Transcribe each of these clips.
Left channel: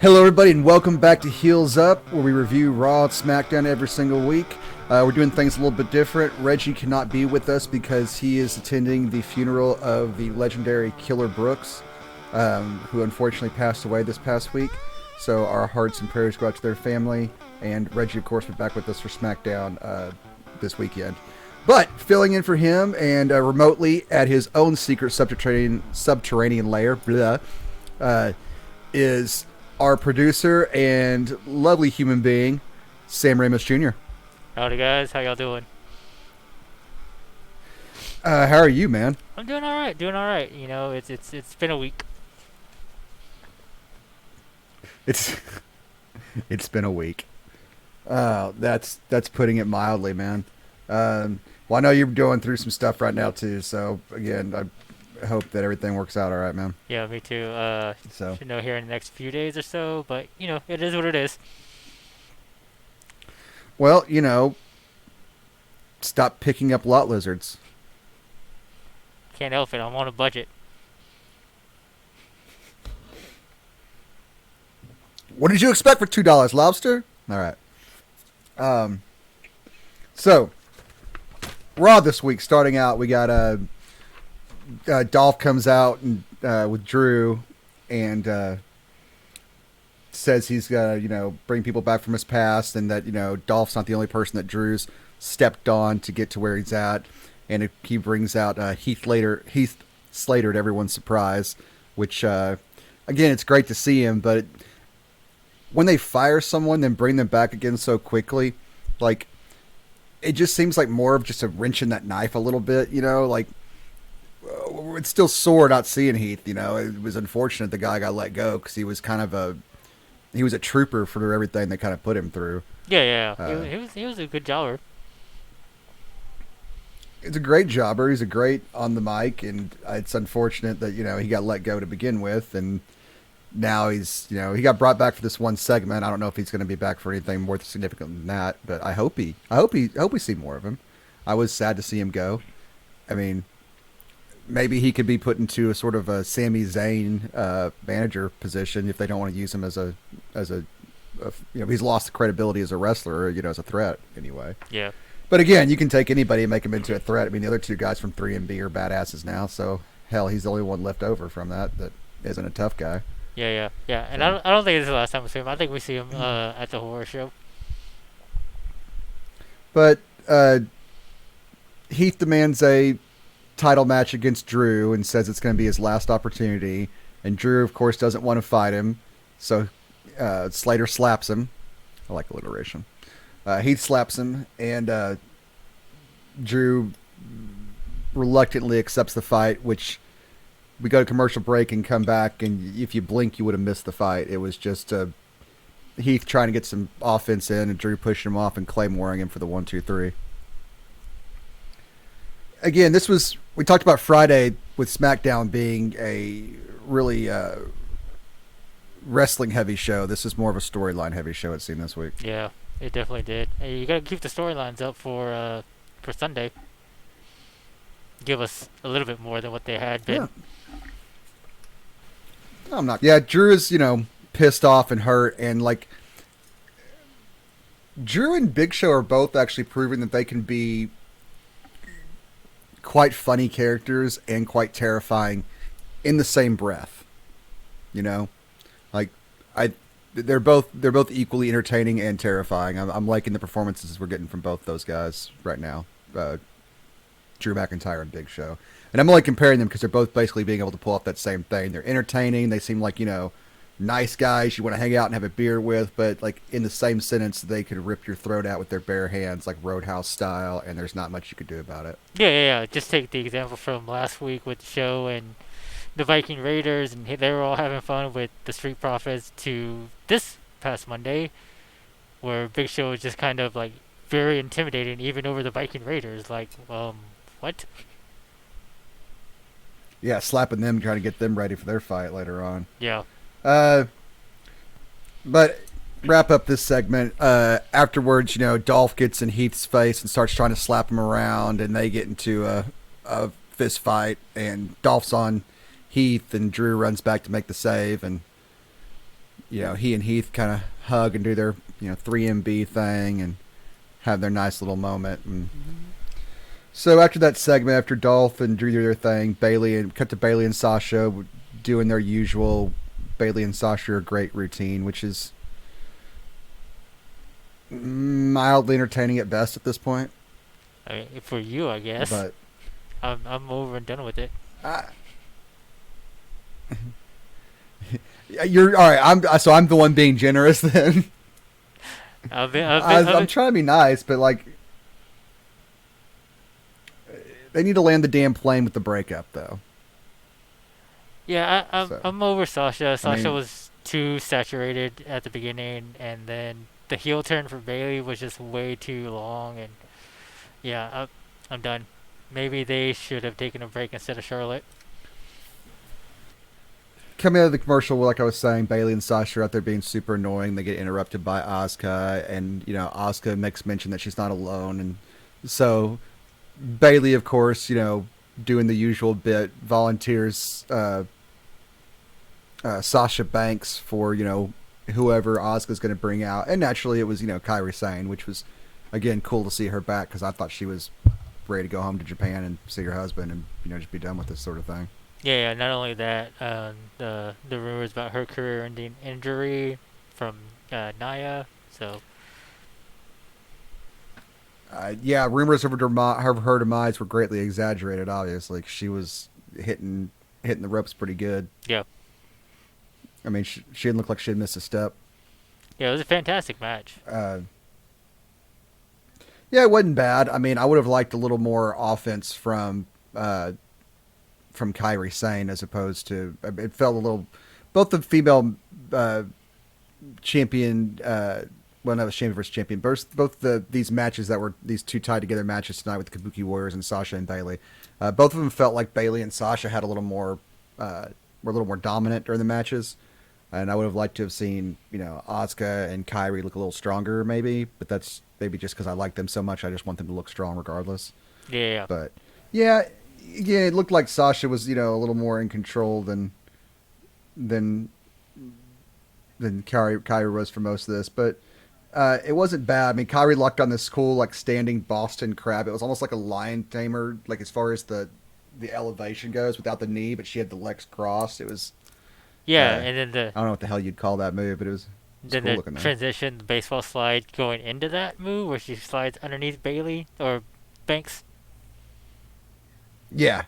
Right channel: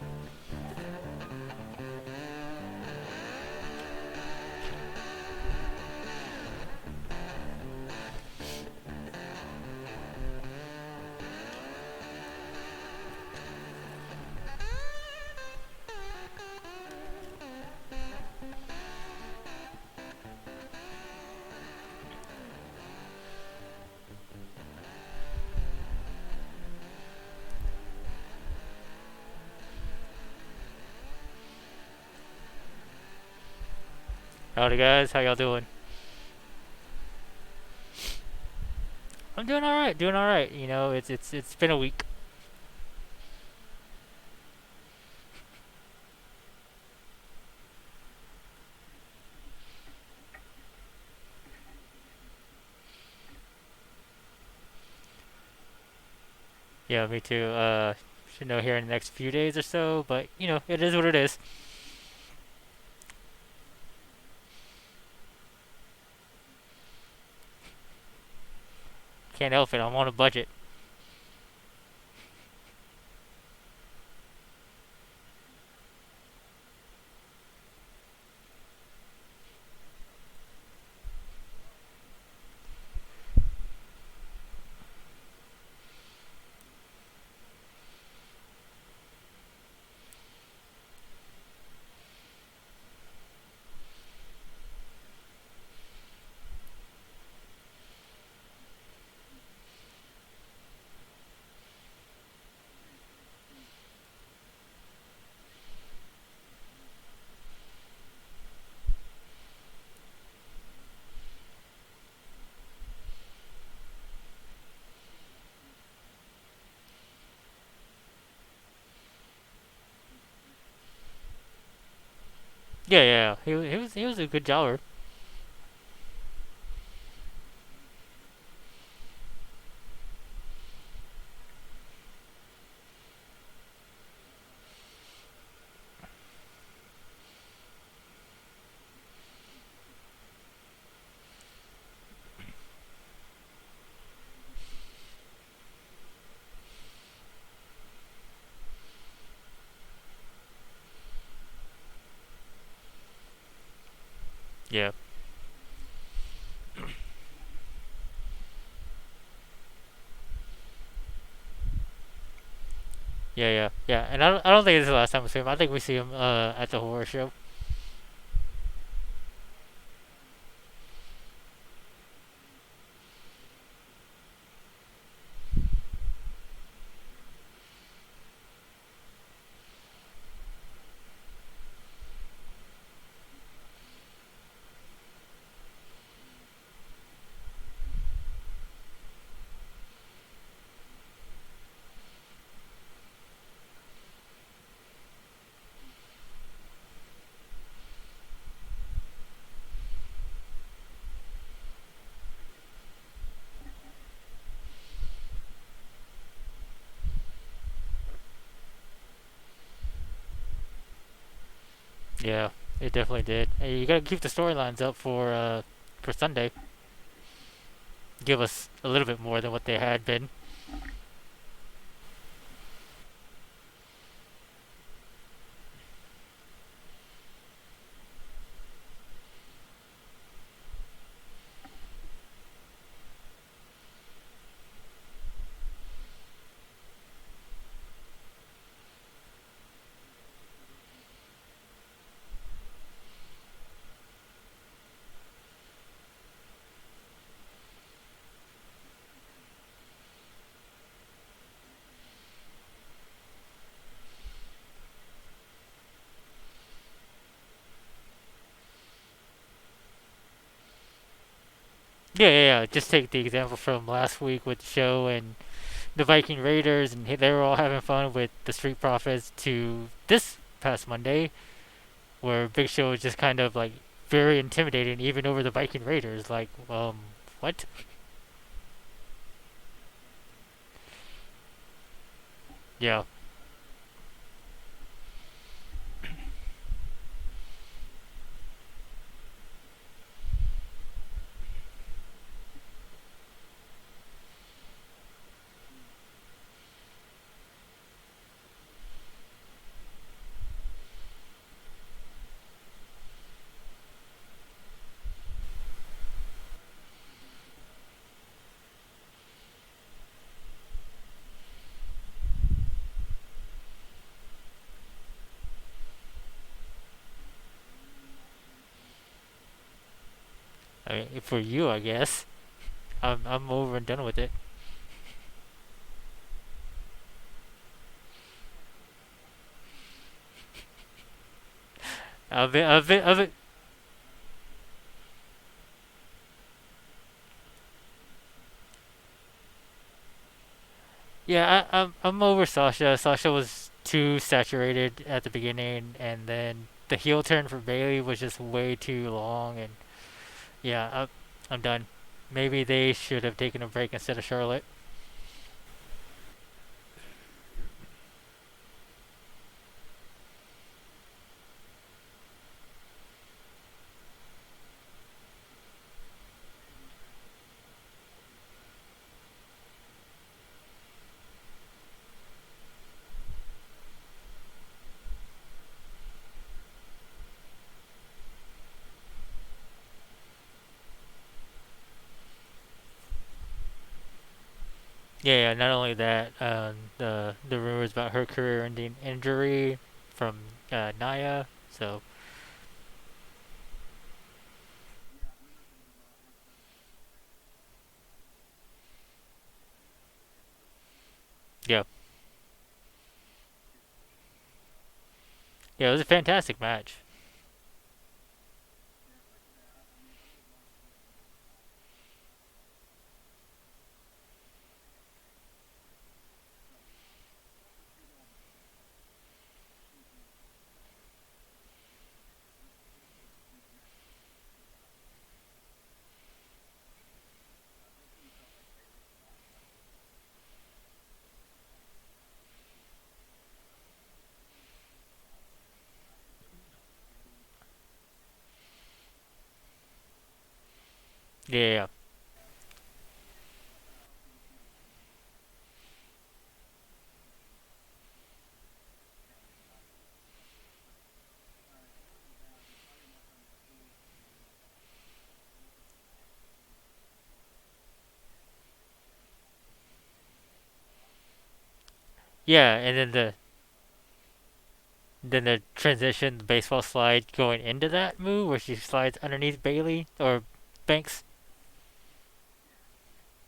Hello, everybody, and welcome back to Heels Up, where we review Raw and SmackDown every single week. We're doing things a little bit different. Reggie cannot be with us because he is attending the funeral of the legendary Killer Brooks, who unfortunately passed away this past week. So our hearts and prayers go out to their family, and Reggie, of course, will be back with us for SmackDown this weekend. But filling in for him and remotely at his own secret subterranean lair, is our producer and lovely human being, Sam Ramos Jr. Howdy guys, how y'all doing? How are you, man? I'm doing all right, doing all right. You know, it's been a week. It's it's been a week. That's putting it mildly, man. Well, I know you're going through some stuff right now too. So again, I hope that everything works out all right, man. Yeah, me too. So, Should know here in the next few days or so, but you know, it is what it is. well, stop picking up lot lizards. Can't help it. I'm on a budget. What did you expect for $2, lobster? All right. So Raw this week. Starting out, we got Dolph comes out and with Drew and says he's gonna bring people back from his past, and that Dolph's not the only person that Drew's stepped on to get to where he's at, and he brings out Heath Slater to everyone's surprise, which again, it's great to see him, but when they fire someone then bring them back again so quickly, like, it just seems like more of just a wrench in that knife a little bit, like it's still sore not seeing Heath. It was unfortunate the guy got let go because he was a trooper for everything they kind of put him through. Yeah, yeah. He was a good jobber. He's a great jobber. He's a great on the mic, and it's unfortunate that he got let go to begin with, and now he got brought back for this one segment. I don't know if he's going to be back for anything more significant than that, but I hope we see more of him. I was sad to see him go. I mean, maybe he could be put into a sort of a Sami Zayn manager position if they don't want to use him as a he's lost the credibility as a wrestler, as a threat anyway. Yeah. But again, you can take anybody and make him into a threat. I mean, the other two guys from 3MB are badasses now, so hell, he's the only one left over from that isn't a tough guy. Yeah. And I don't think it's the last time we see him. I think we see him at the horror show. But Heath demands a title match against Drew and says it's going to be his last opportunity. And Drew, of course, doesn't want to fight him. So Slater slaps him. I like alliteration. Heath slaps him, and Drew reluctantly accepts the fight, which we go to commercial break and come back, and if you blink, you would have missed the fight. It was just Heath trying to get some offense in, and Drew pushing him off and claymoring him for the 1-2-3. Again, we talked about Friday with SmackDown being a really wrestling heavy show. This is more of a storyline heavy show, it seemed, this week. Yeah, it definitely did. Hey, you gotta keep the storylines up for Sunday. Give us a little bit more than what they had been. Yeah. I'm not. Yeah, Drew is, pissed off and hurt, and like Drew and Big Show are both actually proving that they can be quite funny characters and quite terrifying in the same breath. Like they're both equally entertaining and terrifying. I'm liking the performances we're getting from both those guys right now, Drew McIntyre and Big Show. And I'm only comparing them because they're both basically being able to pull off that same thing. They're entertaining. They seem like, nice guys you want to hang out and have a beer with, but like in the same sentence, they could rip your throat out with their bare hands, like Roadhouse style, and there's not much you could do about it. Yeah. Just take the example from last week with the show and the Viking Raiders, and they were all having fun with the Street Profits, to this past Monday, where Big Show was just kind of like very intimidating, even over the Viking Raiders. Like, what? Yeah, slapping them, trying to get them ready for their fight later on. Yeah. But wrap up this segment. Afterwards, Dolph gets in Heath's face and starts trying to slap him around, and they get into a fist fight, and Dolph's on Heath, and Drew runs back to make the save, and he and Heath kind of hug and do their 3MB thing and have their nice little moment. And so after that segment, after Dolph and Drew do their thing, cut to Bailey and Sasha doing their usual Bailey and Sasha are great routine, which is mildly entertaining at best at this point. I mean, for you, I guess. But I'm over and done with it. I, you're all right. I'm the one being generous then. I'm trying to be nice, but like they need to land the damn plane with the breakup though. Yeah, So, I'm over Sasha. Sasha mean, was too saturated at the beginning, and then the heel turn for Bailey was just way too long. And yeah, I'm done. Maybe they should have taken a break instead of Charlotte. coming out of the commercial, like I was saying, Bailey and Sasha are out there being super annoying. They get interrupted by Asuka, and Asuka makes mention that she's not alone, and so Bailey, of course, doing the usual bit, volunteers Sasha Banks for whoever Asuka's going to bring out, and naturally it was Kairi Sane, which was again cool to see her back because I thought she was ready to go home to Japan and see her husband and just be done with this sort of thing. Yeah. Not only that, the rumors about her career-ending injury from Naya. So Yeah, rumors of her demise were greatly exaggerated. Obviously, she was hitting the ropes pretty good. yeah, I mean, she didn't look like she had missed a step. yeah, it was a fantastic match. Yeah, it wasn't bad. I mean, I would have liked a little more offense from Kairi Sane as opposed to it felt a little. Both the female champion, well, not was champion versus champion. Both these matches that were these two tied together matches tonight with the Kabuki Warriors and Sasha and Bailey. Both of them felt like Bailey and Sasha had a little more, were a little more dominant during the matches. And I would have liked to have seen, Asuka and Kairi look a little stronger, maybe. But that's maybe just because I like them so much. I just want them to look strong regardless. Yeah. But yeah, it looked like Sasha was, a little more in control than Kairi was for most of this. But it wasn't bad. I mean, Kairi lucked on this cool, like, standing Boston Crab. It was almost like a lion tamer, like, as far as the elevation goes, without the knee, but she had the legs crossed. It was... Yeah, and then I don't know what the hell you'd call that move, but it was then cool the looking there. transition, the baseball slide going into that move where she slides underneath Bailey or Banks. Yeah.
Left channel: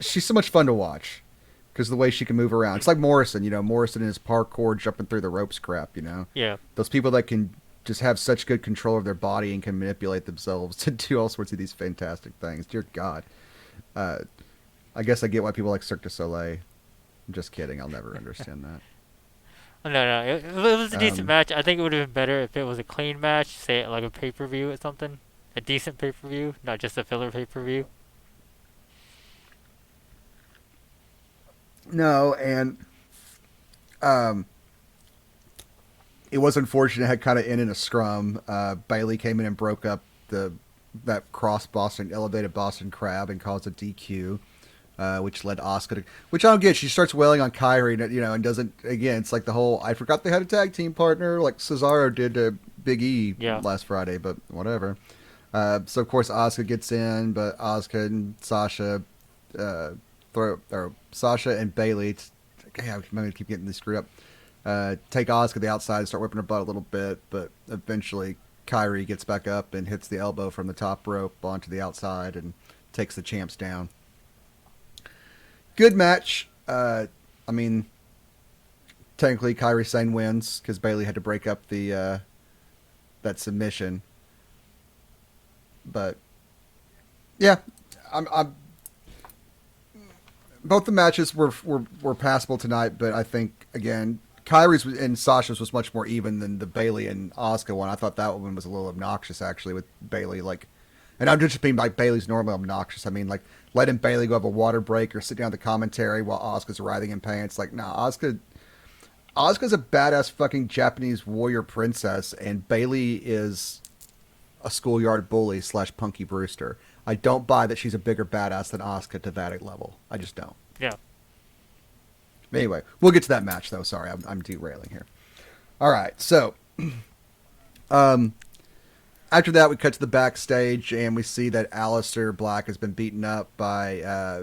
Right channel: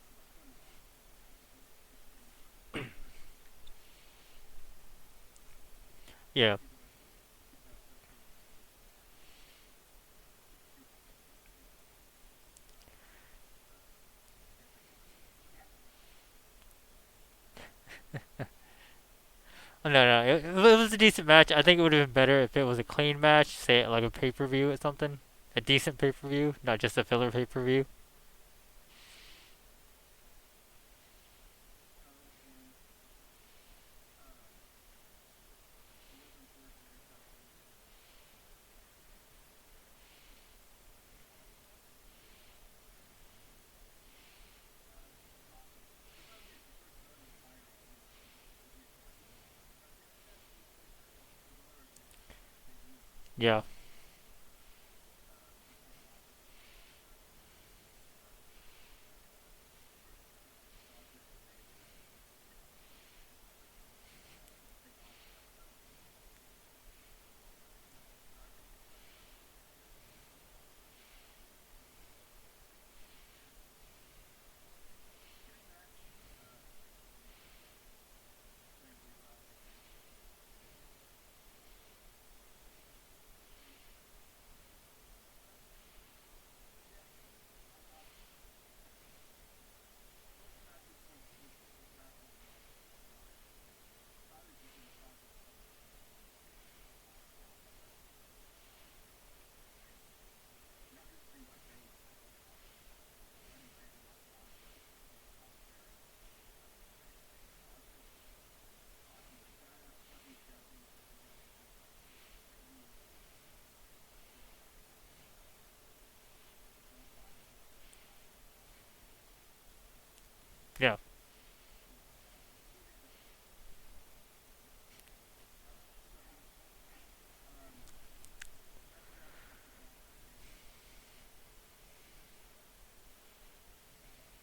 She's so much fun to watch because the way she can move around. It's like Morrison, Morrison and his parkour jumping through the ropes crap, Yeah. Those people that can just have such good control of their body and can manipulate themselves to do all sorts of these fantastic things. Dear God. I guess I get why people like Cirque du Soleil. I'm just kidding. I'll never understand that. Oh, no. It was a decent match. I think it would have been better if it was a clean match, say like a pay-per-view or something. A decent pay-per-view, not just a filler pay-per-view. No, and it was unfortunate. It had kind of ended in a scrum. Bailey came in and broke up that elevated Boston Crab and caused a DQ. Which led Asuka to, which I don't get. She starts wailing on Kairi, and doesn't. Again, it's like the whole I forgot they had a tag team partner, like Cesaro did to Big E last Friday, but whatever. So of course Asuka gets in, but Asuka and Sasha Sasha and Bailey. I'm going to keep getting this screwed up. Take Asuka to the outside and start whipping her butt a little bit, but eventually Kairi gets back up and hits the elbow from the top rope onto the outside and takes the champs down. Good match. I mean, technically Kairi Sane wins because Bailey had to break up the that submission. But yeah, I'm both the matches were passable tonight, but I think again Kairi's and Sasha's was much more even than the Bailey and Asuka one. I thought that one was a little obnoxious actually with Bailey, like, and I'm just being like Bailey's normally obnoxious. I mean, like, letting Bailey go have a water break or sit down at the commentary while Asuka's writhing in pain. It's like, nah, Asuka's a badass fucking Japanese warrior princess, and Bailey is a schoolyard bully / Punky Brewster. I don't buy that she's a bigger badass than Asuka to that level. I just don't. Yeah. Anyway, we'll get to that match though. Sorry, I'm derailing here. All right, so um, after that, we cut to the backstage and we see that Aleister Black has been beaten up by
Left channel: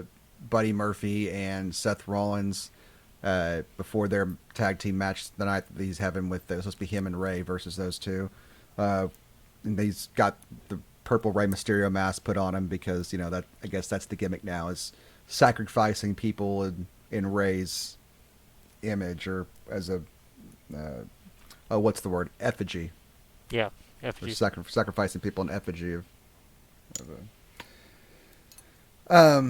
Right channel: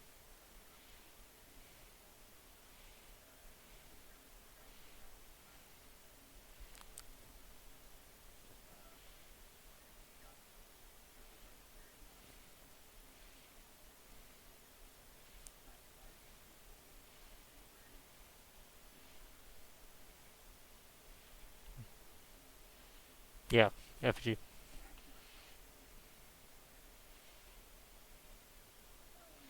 Buddy Murphy and Seth Rollins before their tag team match the night that he's having with supposed to be him and Ray versus those two. And he's got the purple Rey Mysterio mask put on him because that I guess that's the gimmick now is sacrificing people in Ray's image or as a what's the word, effigy. Yeah, effigy. Sacrificing people in effigy of I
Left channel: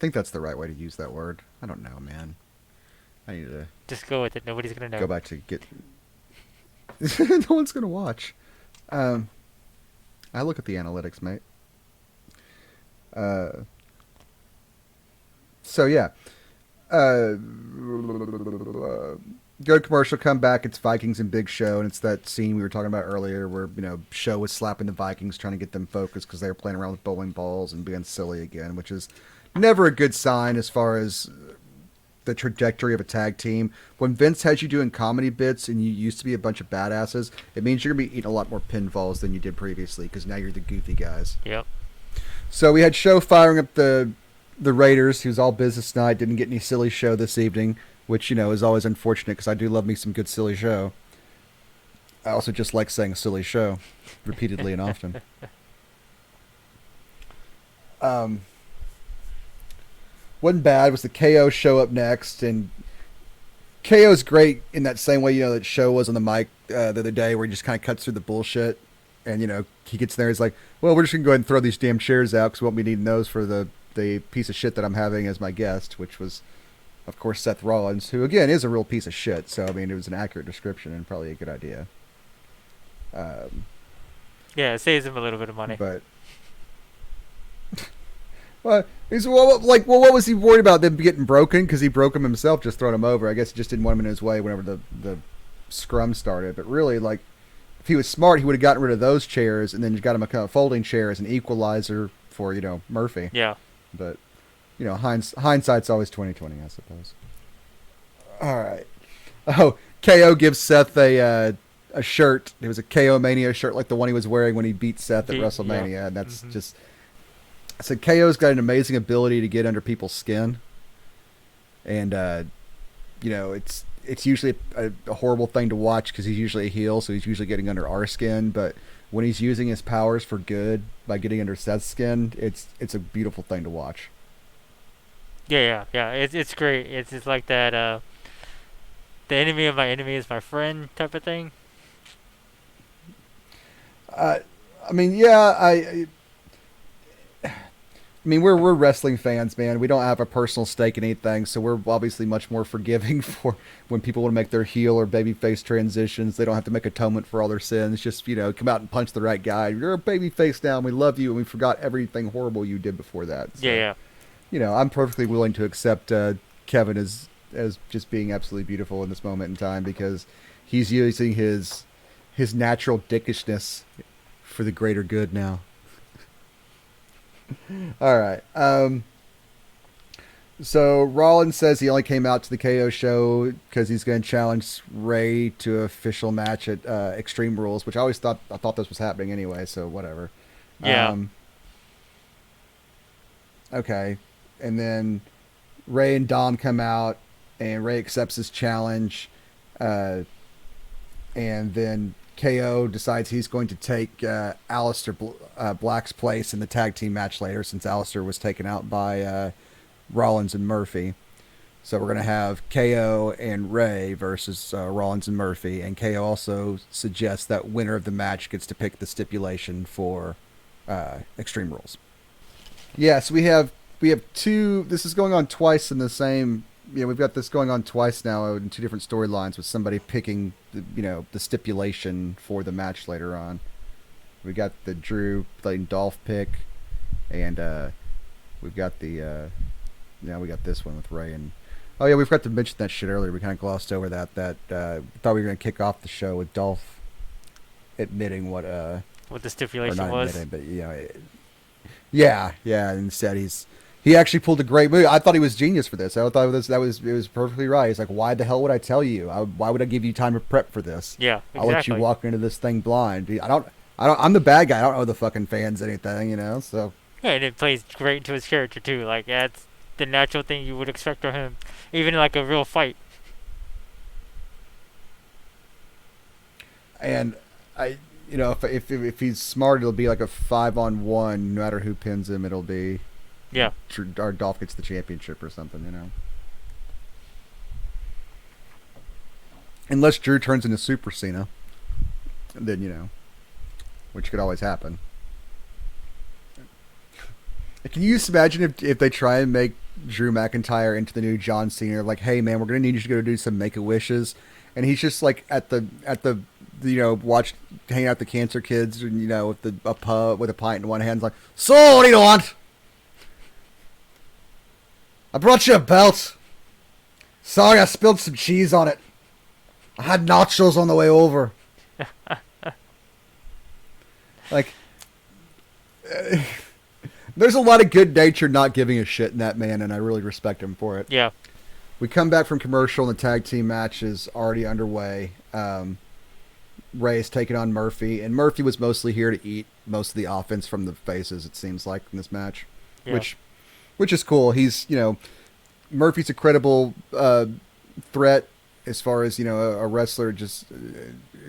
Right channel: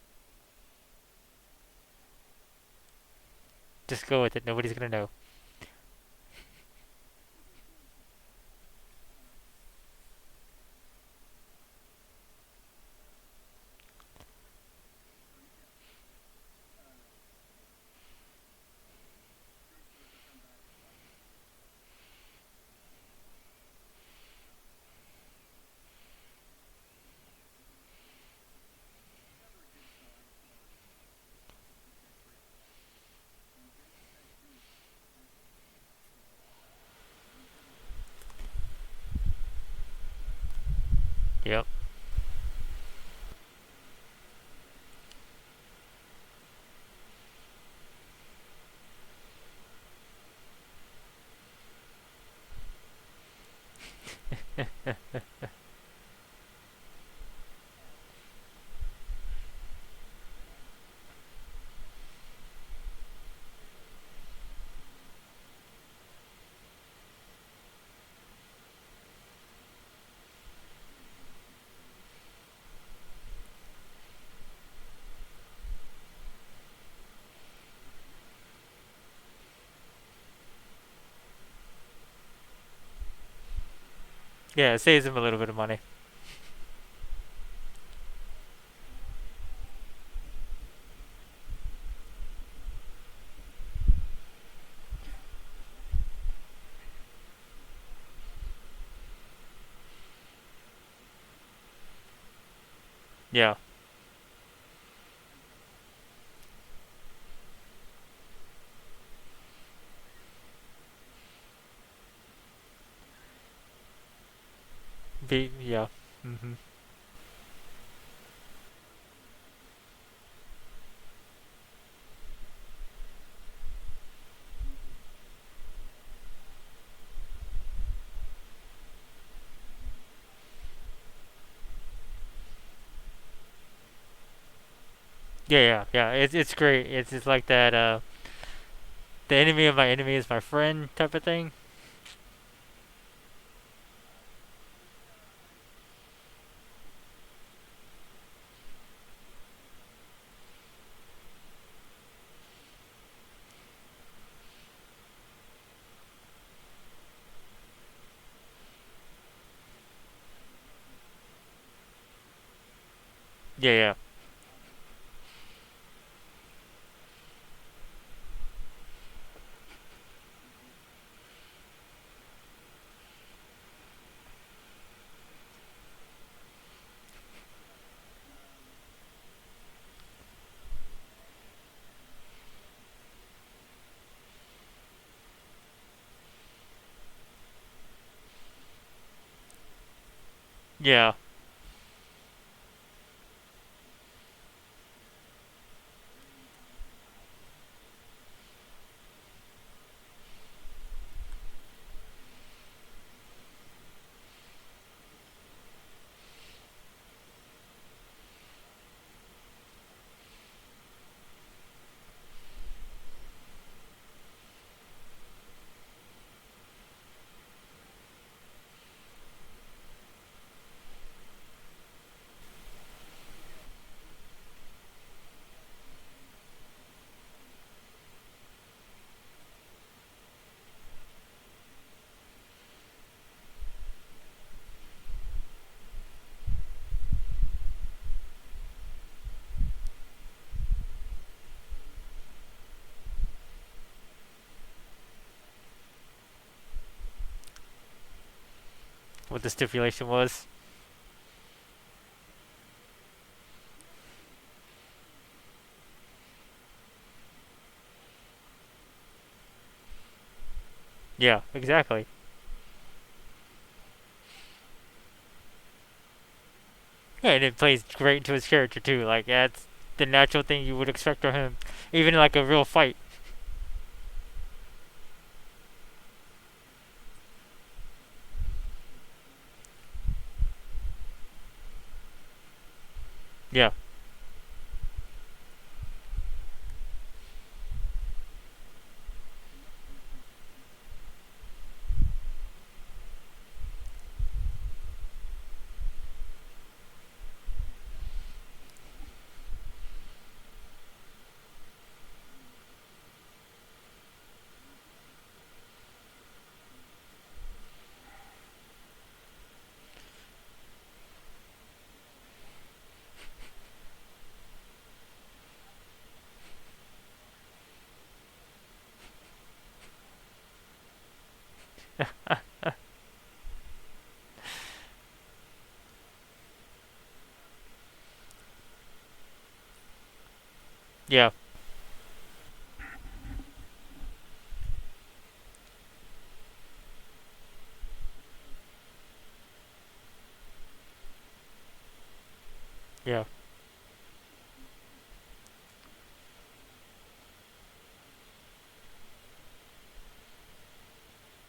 think that's the right way to use that word. I don't know, man. I need to Just go with it. Nobody's gonna know. go back to get. No one's gonna watch. I look at the analytics, mate. So yeah. Go to commercial, come back. It's Vikings and Big Show, and it's that scene we were talking about earlier, where Show was slapping the Vikings, trying to get them focused because they were playing around with bowling balls and being silly again, which is never a good sign as far as the trajectory of a tag team. When Vince has you doing comedy bits and you used to be a bunch of badasses, it means you're gonna be eating a lot more pinfalls than you did previously because now you're the goofy guys. Yep. So we had Show firing up the Raiders, who's all business night, didn't get any silly Show this evening, which is always unfortunate because I do love me some good silly Show. I also just like saying silly Show repeatedly and often. Wasn't bad was the KO show up next, and KO's great in that same way that Show was on the mic the other day, where he just kind of cuts through the bullshit, and he gets there, he's like, well, we're just gonna go ahead and throw these damn chairs out because we won't be needing those for the piece of shit that I'm having as my guest, which was, of course, Seth Rollins, who again is a real piece of shit. So I mean, it was an accurate description and probably a good idea. Yeah, it saves him a little bit of money. But well, what was he worried about them getting broken? Because he broke them himself, just throwing them over. I guess he just didn't want him in his way whenever the scrum started. But really, if he was smart, he would have gotten rid of those chairs and then got him a kind of folding chair as an equalizer for Murphy. Yeah. But hindsight's always 20/20, I suppose. All right. Oh, KO gives Seth a shirt. It was a KO Mania shirt like the one he was wearing when he beat Seth at WrestleMania, yeah. And that's just. So KO's got an amazing ability to get under people's skin, and it's usually a horrible thing to watch because he's usually a heel, so he's usually getting under our skin. But when he's using his powers for good by getting under Seth's skin, it's a beautiful thing to watch. Yeah. It's great. It's just like that. The enemy of my enemy is my friend type of thing. I mean, yeah, I mean, we're wrestling fans, man. We don't have a personal stake in anything, so we're obviously much more forgiving for when people want to make their heel or babyface transitions. They don't have to make atonement for all their sins. Just, come out and punch the right guy. You're a babyface now, and we love you, and we forgot everything horrible you did before that. So, yeah. I'm perfectly willing to accept Kevin as just being absolutely beautiful in this moment in time because he's using his natural dickishness for the greater good now. All right. So Rollins says he only came out to the KO show because he's going to challenge Ray to an official match at Extreme Rules, which I thought this was happening anyway. So whatever. Yeah. Okay, and then Ray and Dom come out, and Ray accepts his challenge, and then KO decides he's going to take Aleister Black's place in the tag team match later, since Aleister was taken out by Rollins and Murphy. So we're going to have KO and Ray versus Rollins and Murphy, and KO also suggests that winner of the match gets to pick the stipulation for Extreme Rules. Yeah, so we have two. This is going on twice in the same. We've got this going on twice now in two different storylines with somebody picking the stipulation for the match later on. We got the Drew letting Dolph pick, and we've got the we got this one with Ray and. Oh yeah, we forgot to mention that shit earlier. We kind of glossed over that. Thought we were gonna kick off the show with Dolph admitting what the stipulation was. But yeah. Instead He actually pulled a great move. I thought he was genius for this. I thought it was perfectly right. He's like, why the hell would I tell you? Why would I give you time to prep for this? Yeah, I'll let you exactly. walk into this thing blind. I'm the bad guy. I don't know the fucking fans anything, So Yeah, and it plays great into his character too. Like that's the natural thing you would expect from him, even in like a real fight. and I, if he's smart, it'll be like a 5-on-1. No matter who pins him, it'll be Yeah, our Dolph gets the championship or something. Unless Drew turns into Super Cena, then which could always happen. Can you just imagine if they try and make Drew McIntyre into the new John Cena? Like, hey man, we're gonna need you to go do some Make a Wishes, and he's just like at the watch hanging out with the cancer kids, and with a pub with a pint in one hand, like, so what do you want? I brought you a belt. Sorry, I spilled some cheese on it. I had nachos on the way over. Like, there's a lot of good nature not giving a shit in that man, and I really respect him for it. yeah, We come back from commercial, and the tag team match is already underway. Ray is taking on Murphy, and Murphy was mostly here to eat most of the offense from the faces, it seems like, in this match. yeah, Which is cool. He's, Murphy's a credible threat as far as, a wrestler just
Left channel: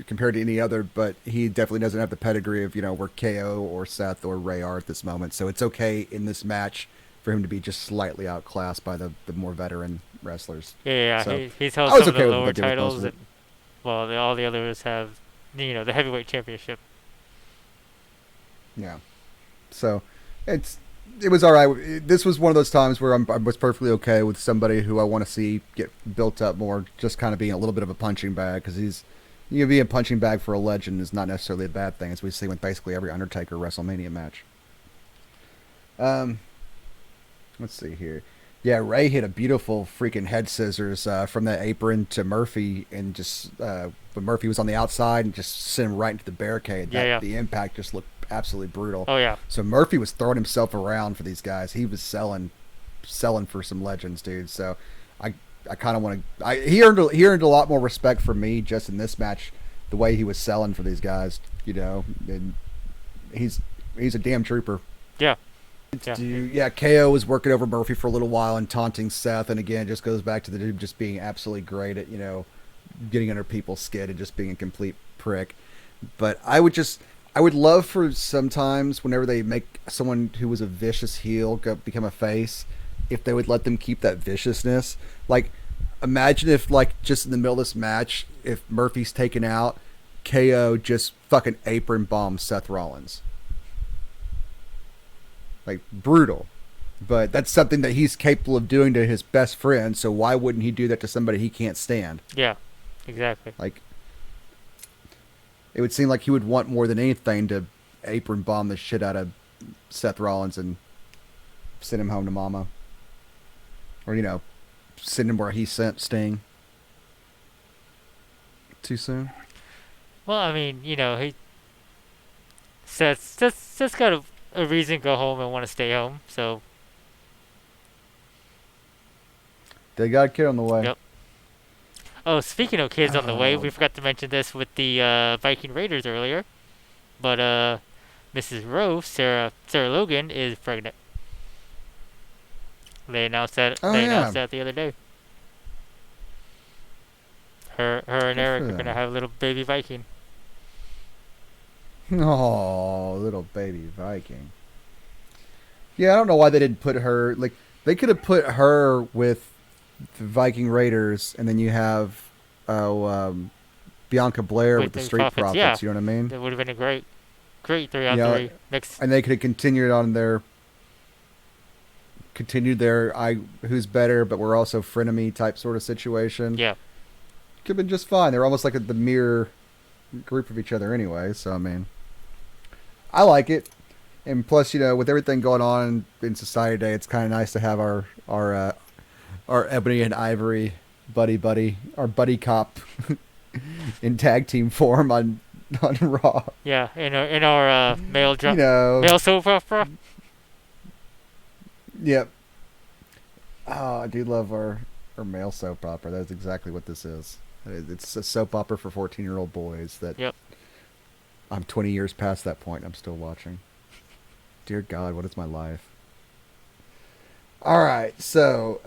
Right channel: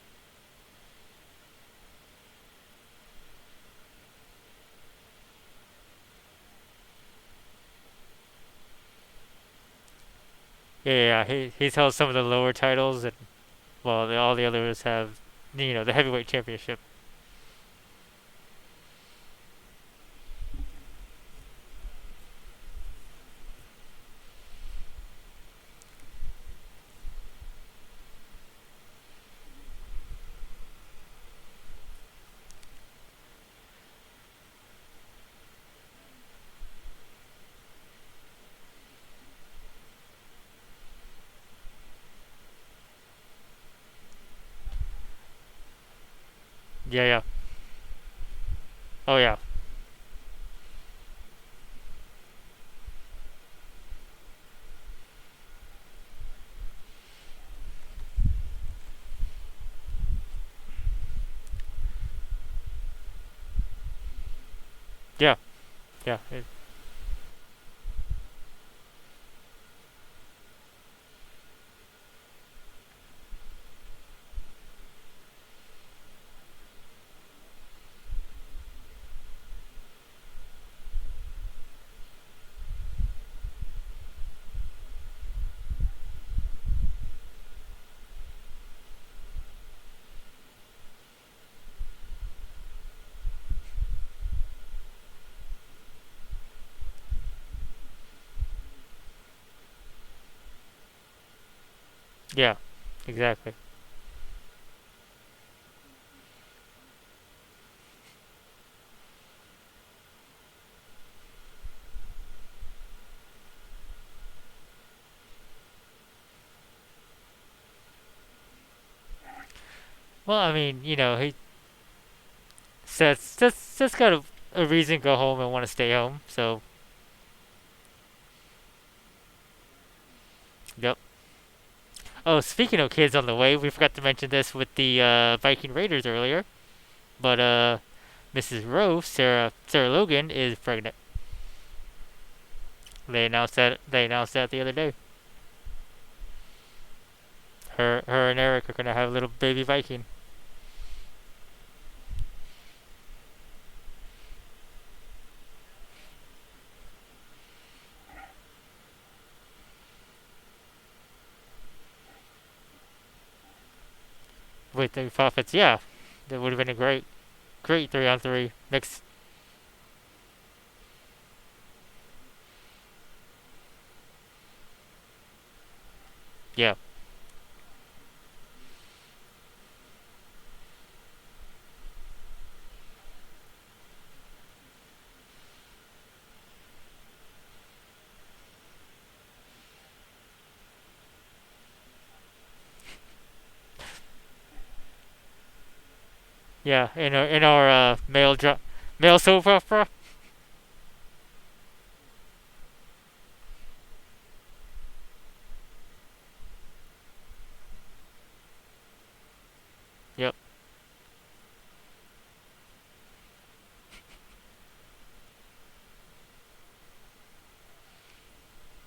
compared to any other, but he definitely doesn't have the pedigree of, where KO or Seth or Ray are at this moment. So it's okay in this match for him to be just slightly outclassed by the more veteran wrestlers. yeah. So He's held I was some of okay the with lower what they did titles, mostly. and well, all the others have, the heavyweight championship. Yeah. So it was all right. This was one of those times where I was perfectly okay with somebody who I want to see get built up more, just kind of being a little bit of a punching bag, because being a punching bag for a legend is not necessarily a bad thing, as we see with basically every Undertaker WrestleMania match. Let's see here. Yeah, Ray hit a beautiful freaking head scissors from that apron to Murphy, and just when Murphy was on the outside, and just sent him right into the barricade. Yeah. The impact just looked absolutely brutal. Oh yeah, So Murphy was throwing himself around for these guys. He was selling for some legends, dude. So I kind of want to. He earned a lot more respect from me just in this match, the way he was selling for these guys. And he's a damn trooper. yeah, Yeah, KO was working over Murphy for a little while and taunting Seth, and again, it just goes back to the dude just being absolutely great at getting under people's skin and just being a complete prick. But I would love for sometimes whenever they make someone who was a vicious heel become a face, if they would let them keep that viciousness. Like, imagine if, like, just in the middle of this match, if Murphy's taken out, KO just fucking apron bombs Seth Rollins. Like, brutal. But that's something that he's capable of doing to his best friend, so why wouldn't he do that to somebody he can't stand? yeah, exactly. Like, it would seem like he would want more than anything to apron bomb the shit out of Seth Rollins and send him home to mama. Or, send him where he sent Sting. Too soon? Well, I mean, he Seth's got a reason to go home and want to stay home. So They got a kid on the way. yep. Oh, speaking of kids on the way, we forgot to mention this with the Viking Raiders earlier, but Mrs. Rose, Sarah Logan, is pregnant. They announced that. Oh, They yeah. announced that the other day. Her and Eric are Yeah. gonna have a little baby Viking. Oh, little baby Viking. Yeah, I don't know why they didn't put her. Like, they could have put her with the Viking Raiders, and then you have Bianca Blair With with the the Street Profits, Profits. yeah. You know what I mean? That would have been a great 3-on-3 mix. And they could have continued their who's better, but we're also frenemy type sort of situation. Yeah, Could have been just fine. They're almost like the mirror group of each other anyway. So I mean, I like it. And plus, with everything going on in society today, it's kind of nice to have our Ebony and Ivory our buddy cop in tag team form on Raw. yeah. In our male You know, male soap opera. yep. I do love our male soap opera. That's exactly what this is. It's a soap opera for 14-year-old boys that Yep. I'm 20 years past that point. I'm still watching. Dear God, what is my life? All right, so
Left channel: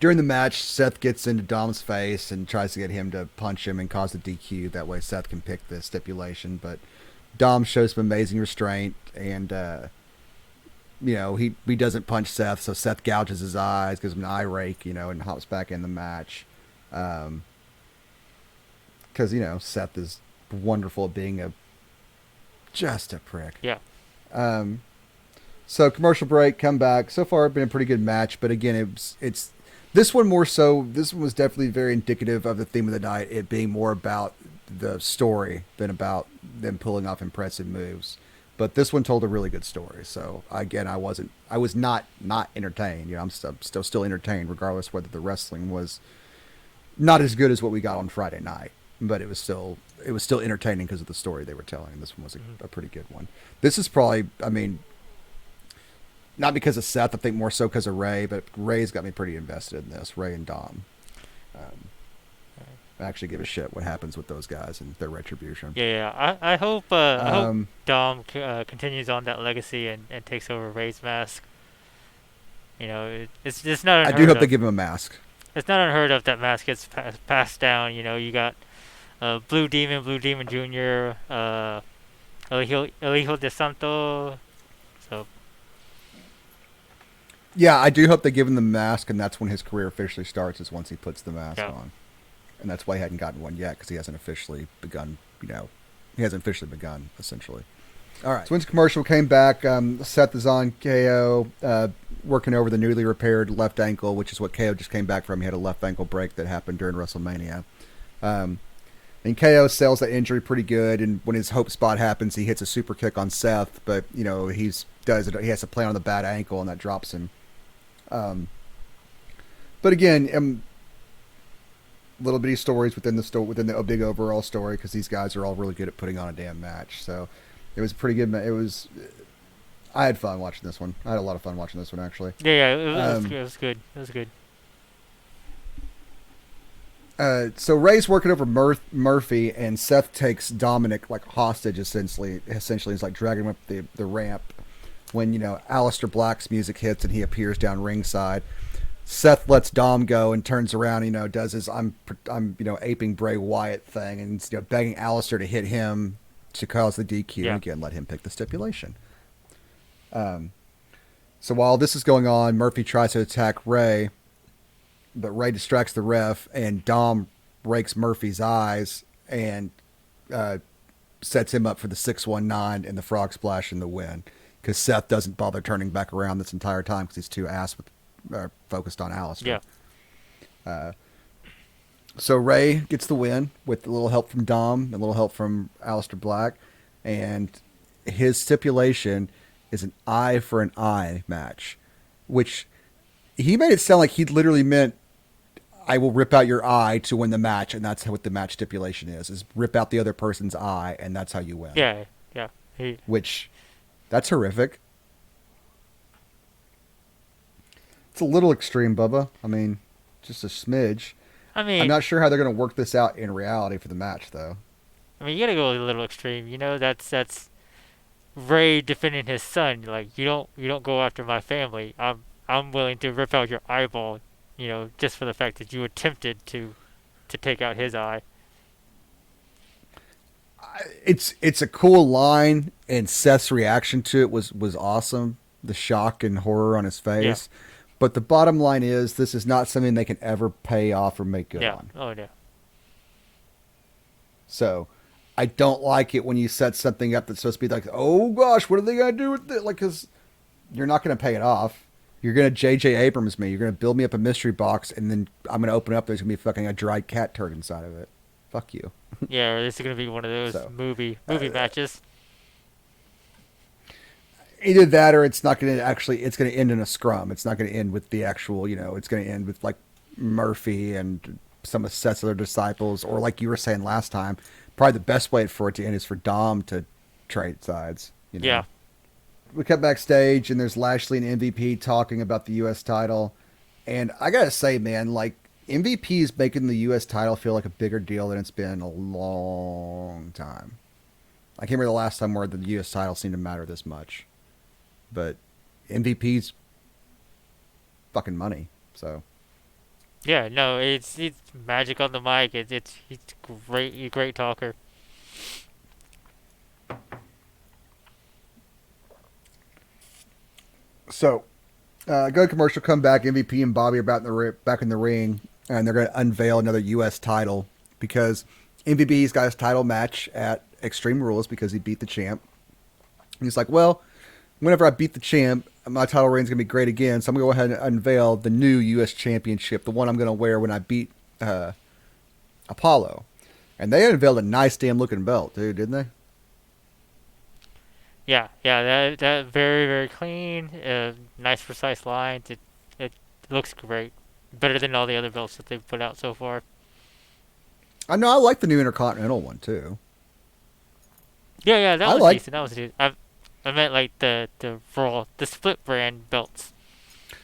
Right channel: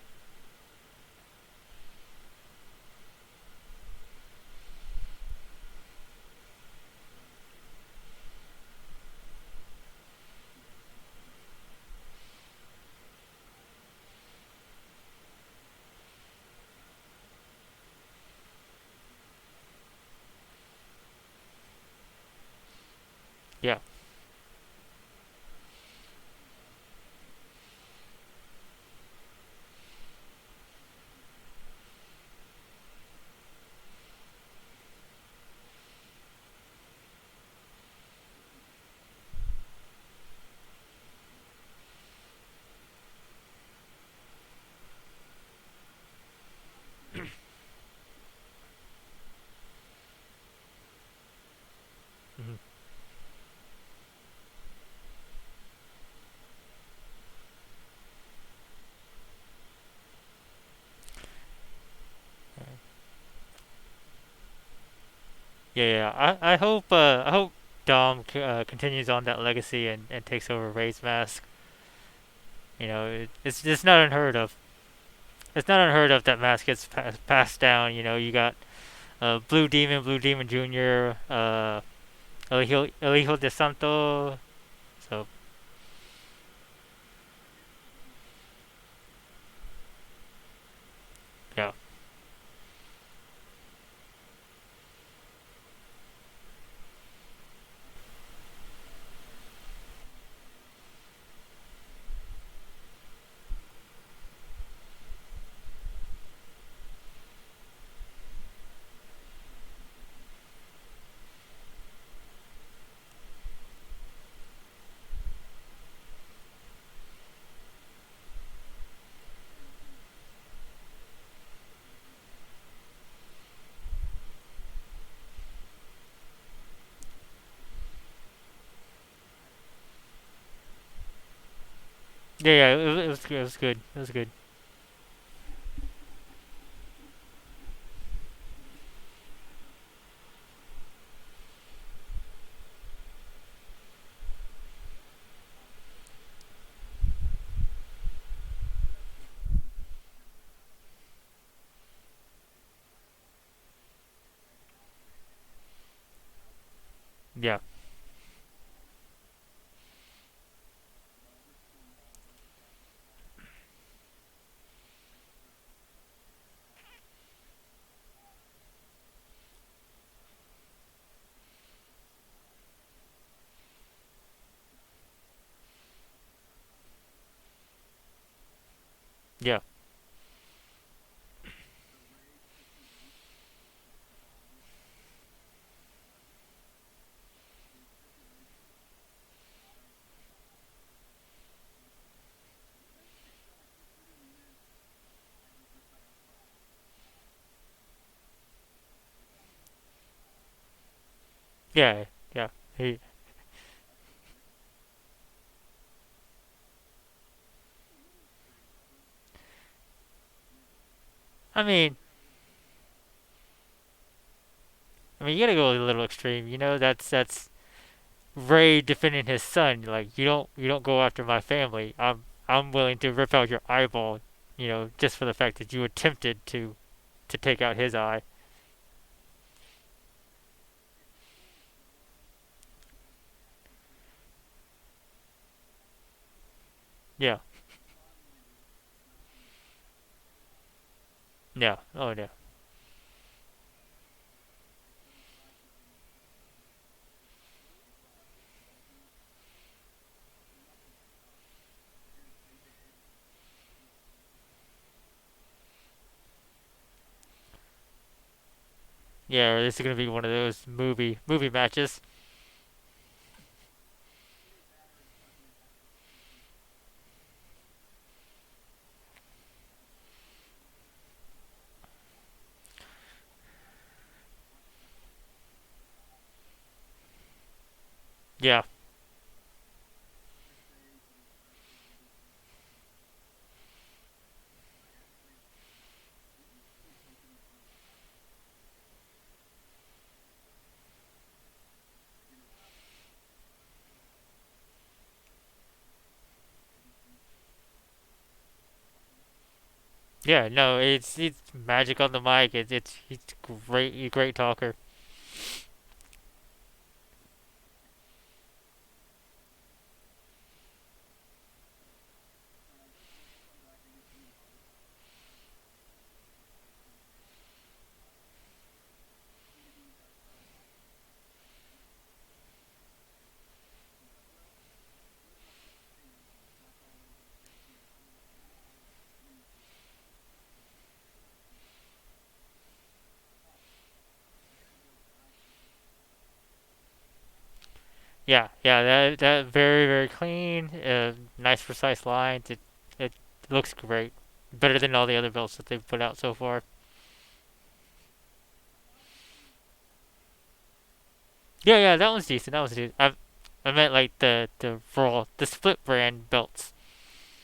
during the match, Seth gets into Dom's face and tries to get him to punch him and cause a DQ. That way, Seth can pick the stipulation. But Dom shows some amazing restraint, and he doesn't punch Seth, so Seth gouges his eyes, gives him an eye rake, and hops back in the match. Because Seth is wonderful at being just a prick. Yeah. So commercial break, come back. So far, it's been a pretty good match, but again, it's this one more so. This one was definitely very indicative of the theme of the night. It being more about the story than about them pulling off impressive moves. But this one told a really good story. So again, I was not entertained. I'm still entertained, regardless whether the wrestling was not as good as what we got on Friday night. But it was still entertaining because of the story they were telling. This one was a pretty good one. This is probably, not because of Seth, I think more so because of Ray, but Ray's got me pretty invested in this. Ray and Dom. I actually give a shit what happens with those guys and their retribution. Yeah. I hope Dom continues on that legacy and takes over Ray's mask. It's not unheard of. I do hope they give him a mask. It's not unheard of that mask gets passed down. You got Blue Demon Jr., El Hijo de Santo. So. Yeah, I do hope they give him the mask, and that's when his career officially starts, is once he puts the mask on. And that's why he hadn't gotten one yet, because he hasn't officially begun, essentially. All right. So once the commercial came back, Seth is on KO, working over the newly repaired left ankle, which is what KO just came back from. He had a left ankle break that happened during WrestleMania. And KO sells that injury pretty good, and when his hope spot happens, he hits a super kick on Seth, but, he has to play on the bad ankle, and that drops him. But again, little bitty stories within the big overall story, because these guys are all really good at putting on a damn match. So it was pretty good. I had fun watching this one. I had a lot of fun watching this one, actually. Yeah, it was good. It was good. So Ray's working over Murphy, and Seth takes Dominic hostage, essentially. He's dragging him up the ramp. When Aleister Black's music hits and he appears down ringside, Seth lets Dom go and turns around. Does his I'm aping Bray Wyatt thing, and begging Aleister to hit him to cause the DQ. Yeah. Again, let him pick the stipulation. So while this is going on, Murphy tries to attack Ray, but Ray distracts the ref, and Dom rakes Murphy's eyes and sets him up for the 619 and the frog splash and the win. Because Seth doesn't bother turning back around this entire time because he's too focused on Aleister. Yeah. So Ray gets the win with a little help from Dom, a little help from Aleister Black, and his stipulation is an eye for an eye match, which he made it sound like he literally meant, I will rip out your eye to win the match, and that's what the match stipulation is rip out the other person's eye, and that's how you win. Yeah. Which, that's horrific. It's a little extreme, Bubba. Just a smidge. I'm not sure how they're going to work this out in reality for the match, though. You got to go a little extreme. That's Ray defending his son. You don't go after my family. I'm willing to rip out your eyeball, just for the fact that you attempted to take out his eye. It's a cool line, and Seth's reaction to it was awesome. The shock and horror on his face. Yeah. But the bottom line is, this is not something they can ever pay off or make good on. Oh, yeah. So, I don't like it when you set something up that's supposed to be like, oh gosh, what are they going to do with it? Because you're not going to pay it off. You're going to J.J. Abrams me. You're going to build me up a mystery box, and then I'm going to open it up. There's going to be fucking a dried cat turd inside of it. Fuck you. Yeah, this is going to be one of those movie matches. Either that, or it's not going to it's going to end in a scrum. It's not going to end with the actual, it's going to end with Murphy and some of Seth's other disciples, or like you were saying last time, probably the best way for it to end is for Dom to trade sides. Yeah. we cut backstage, and there's Lashley and MVP talking about the U.S. title. And I gotta say, man, like MVP is making the U.S. title feel like a bigger deal than it's been in a long time. I can't remember the last time where the U.S. title seemed to matter this much. But MVP's fucking money. So Yeah, no, it's magic on the mic. It's he's great, he's a great talker. so go to commercial, come back. MVP and Bobby are back in the ring, and they're going to unveil another U.S. title because MVP's got his title match at Extreme Rules because he beat the champ. And he's like, well, whenever I beat the champ, my title reign's going to be great again. So I'm going to go ahead and unveil the new U.S. championship, the one I'm going to wear when I beat Apollo. And they unveiled a nice damn looking belt, dude, didn't they? Yeah, yeah, that very very clean, nice precise lines. It looks great, better than all the other belts that they've put out so far. I know I like the new Intercontinental one too. Yeah, yeah, that I was like decent. That was decent. I meant like the Raw, the split brand belts.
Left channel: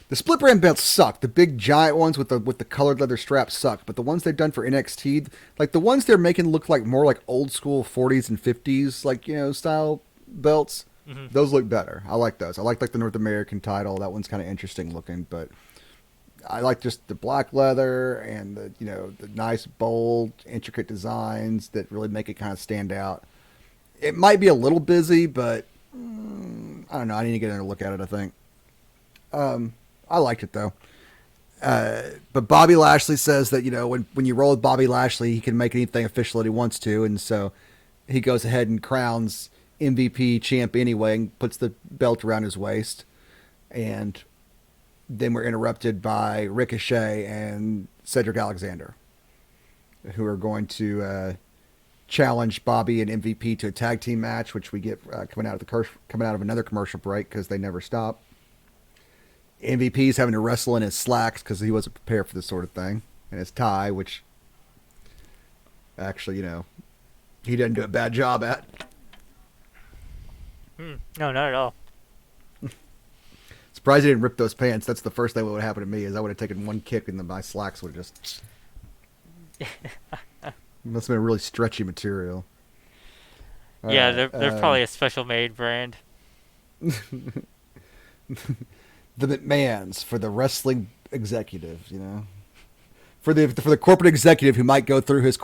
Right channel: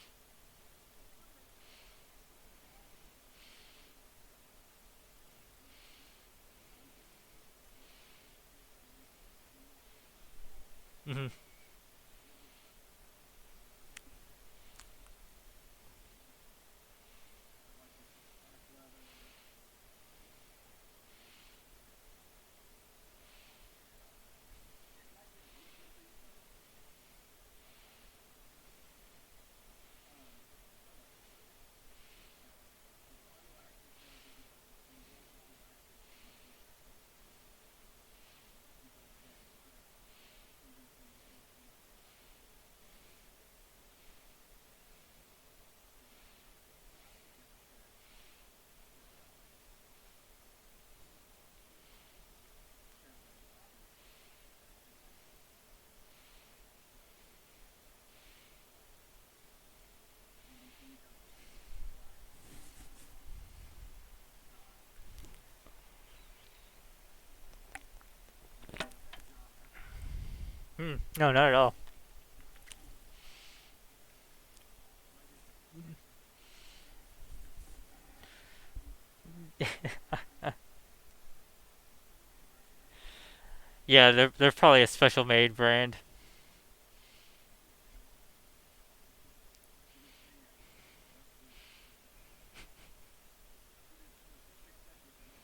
the split brand belts suck. The big giant ones with the colored leather straps suck. But the ones they've done for NXT, like the ones they're making look like more like old school 40s and 50s, like style belts. Hmm. Those look better. I like those. I like the North American title. That one's kind of interesting looking, but I like just the black leather and the nice bold intricate designs that really make it kind of stand out. It might be a little busy, but I don't know. I need to get in and look at it. I think. I liked it though. But Bobby Lashley says that when you roll with Bobby Lashley, he can make anything official that he wants to, and so he goes ahead and crowns MVP champ anyway, and puts the belt around his waist, and then we're interrupted by Ricochet and Cedric Alexander, who are going to challenge Bobby and MVP to a tag team match, which we get coming out of another commercial break because they never stop. MVP's having to wrestle in his slacks because he wasn't prepared for this sort of thing, and his tie, which actually he didn't do a bad job at. No, not at all. Surprised he didn't rip those pants. That's the first thing that would happen to me is I would have taken one kick and then my slacks would have just must have been really stretchy material. Yeah, All they're right, probably a special made brand. the McMahons for the wrestling executives, for the corporate executive who might go through his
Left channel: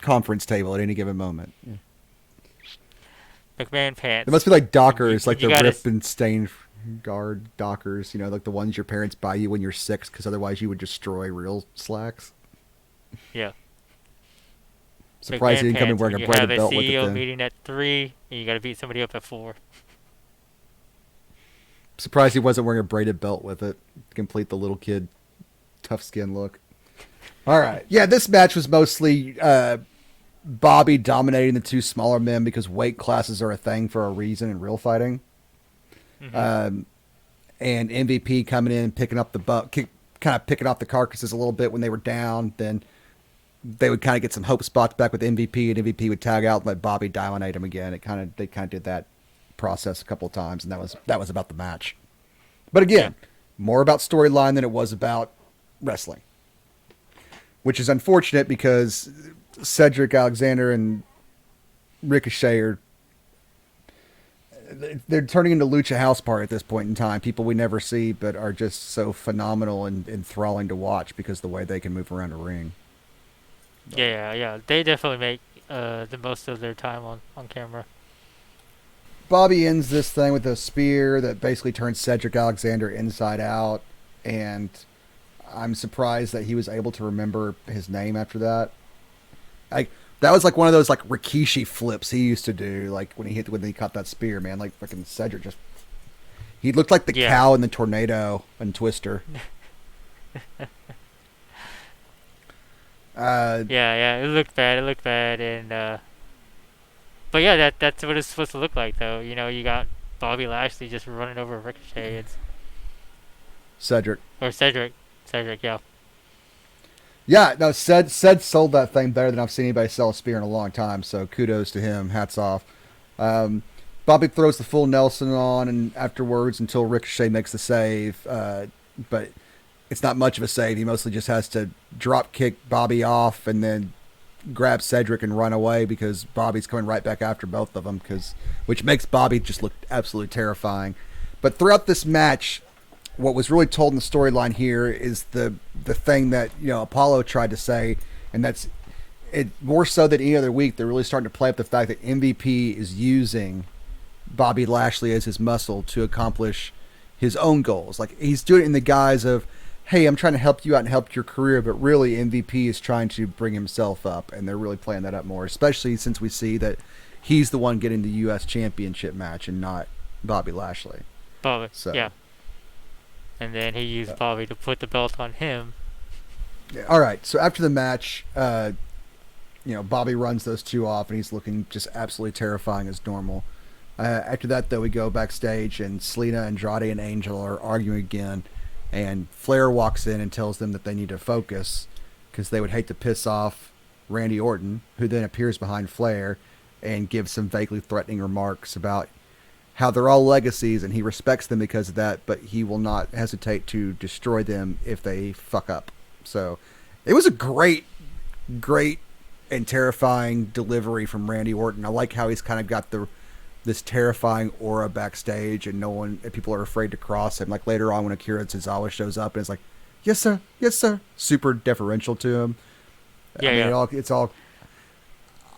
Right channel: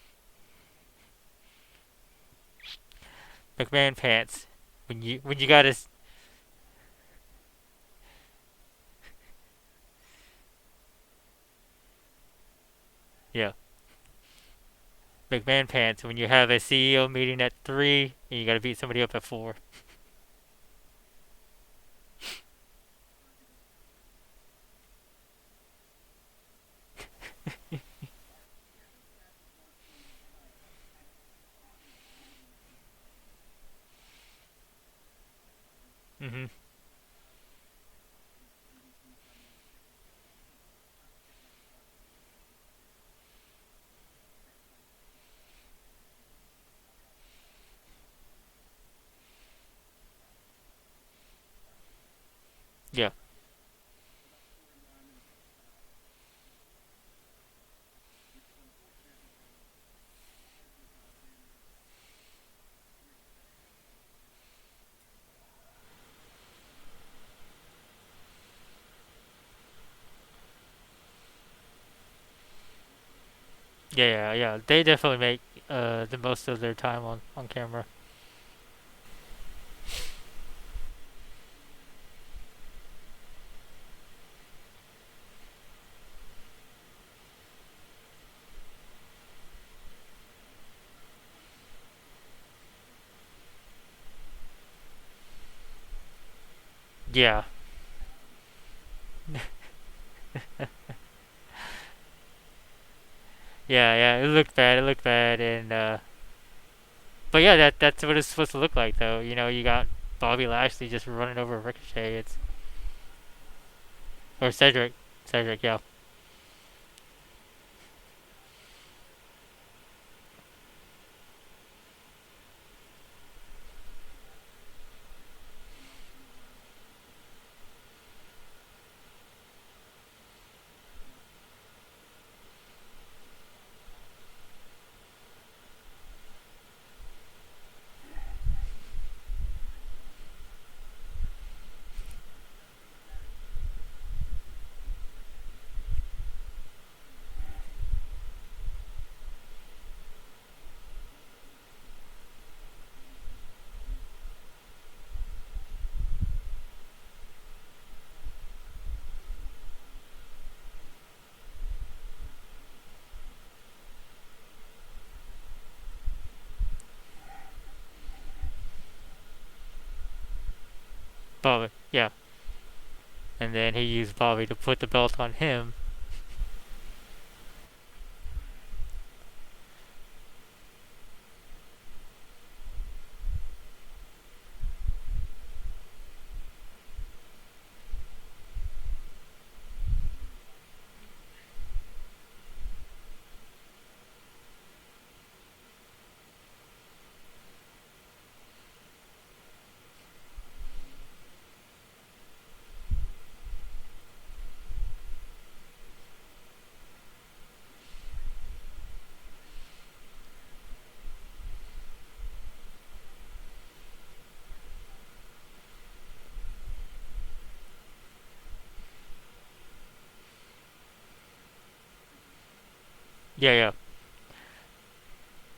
conference table at any given moment. Yeah. McMahon pants. It must be like Dockers, When like you the gotta rip and stain guard Dockers, like the ones your parents buy you when you're 6, because otherwise you would destroy real slacks. Yeah. Surprised he McMahon didn't come in pants wearing when a you braided have a belt with it CEO then. meeting at 3 and you gotta beat somebody up at 4. Surprised he wasn't wearing a braided belt with it to complete the little kid tough skin look. All right. Yeah, this match was mostly Bobby dominating the two smaller men because weight classes are a thing for a reason in real fighting. Hmm. And MVP coming in and picking up kind of picking off the carcasses a little bit when they were down. Then they would kind of get some hope spots back with MVP, and MVP would tag out and let Bobby dominate him again. They kind of did that process a couple of times, and that was about the match. But Yeah. again, more about storyline than it was about wrestling, which is unfortunate because Cedric Alexander and Ricochet they're turning into Lucha House Party at this point in time. People we never see, but are just so phenomenal and enthralling to watch because of the way they can move around a ring. Yeah, yeah. They definitely make the most of their time on camera. Bobby ends this thing with a spear that basically turns Cedric Alexander inside out, and I'm surprised that he was able to remember his name after that. Like that was like one of those like Rikishi flips he used to do, like when he caught that spear, man. Like fucking Cedric he looked like the Yeah. cow in the tornado and Twister. Uh, Yeah, yeah. It looked bad. It looked bad, and but yeah, that's what it's supposed to look like, though. You got Bobby Lashley just running over Ricochet. It's Cedric. or Cedric. Yeah. Yeah, no, Ced sold that thing better than I've seen anybody sell a spear in a long time. So kudos to him. Hats off. Bobby throws the full Nelson on, and afterwards until Ricochet makes the save, but it's not much of a save. He mostly just has to drop kick Bobby off and then grab Cedric and run away because Bobby's coming right back after both of them, which makes Bobby just look absolutely terrifying. But throughout this match, what was really told in the storyline here is the thing that Apollo tried to say, and that's it more so than any other week. They're really starting to play up the fact that MVP is using Bobby Lashley as his muscle to accomplish his own goals. Like he's doing it in the guise of, hey, I'm trying to help you out and help your career, but really MVP is trying to bring himself up, and they're really playing that up more, especially since we see that he's the one getting the U.S. Championship match and not Bobby Lashley. Bobby, So, yeah. And then he used Bobby to put the belt on him. yeah. All right, so after the match, Bobby runs those two off, and he's looking just absolutely terrifying as normal. After that, though, we go backstage, and Selena, Andrade, and Angel are arguing again. And Flair walks in and tells them that they need to focus because they would hate to piss off Randy Orton, who then appears behind Flair and gives some vaguely threatening remarks about how they're all legacies and he respects them because of that, but he will not hesitate to destroy them if they fuck up. So it was a great, great and terrifying delivery from Randy Orton. I like how he's kind of got this terrifying aura backstage, and people are afraid to cross him. Like later on when Akira Tozawa shows up, and it's like, yes sir, yes sir, super deferential to him. Yeah. It's all.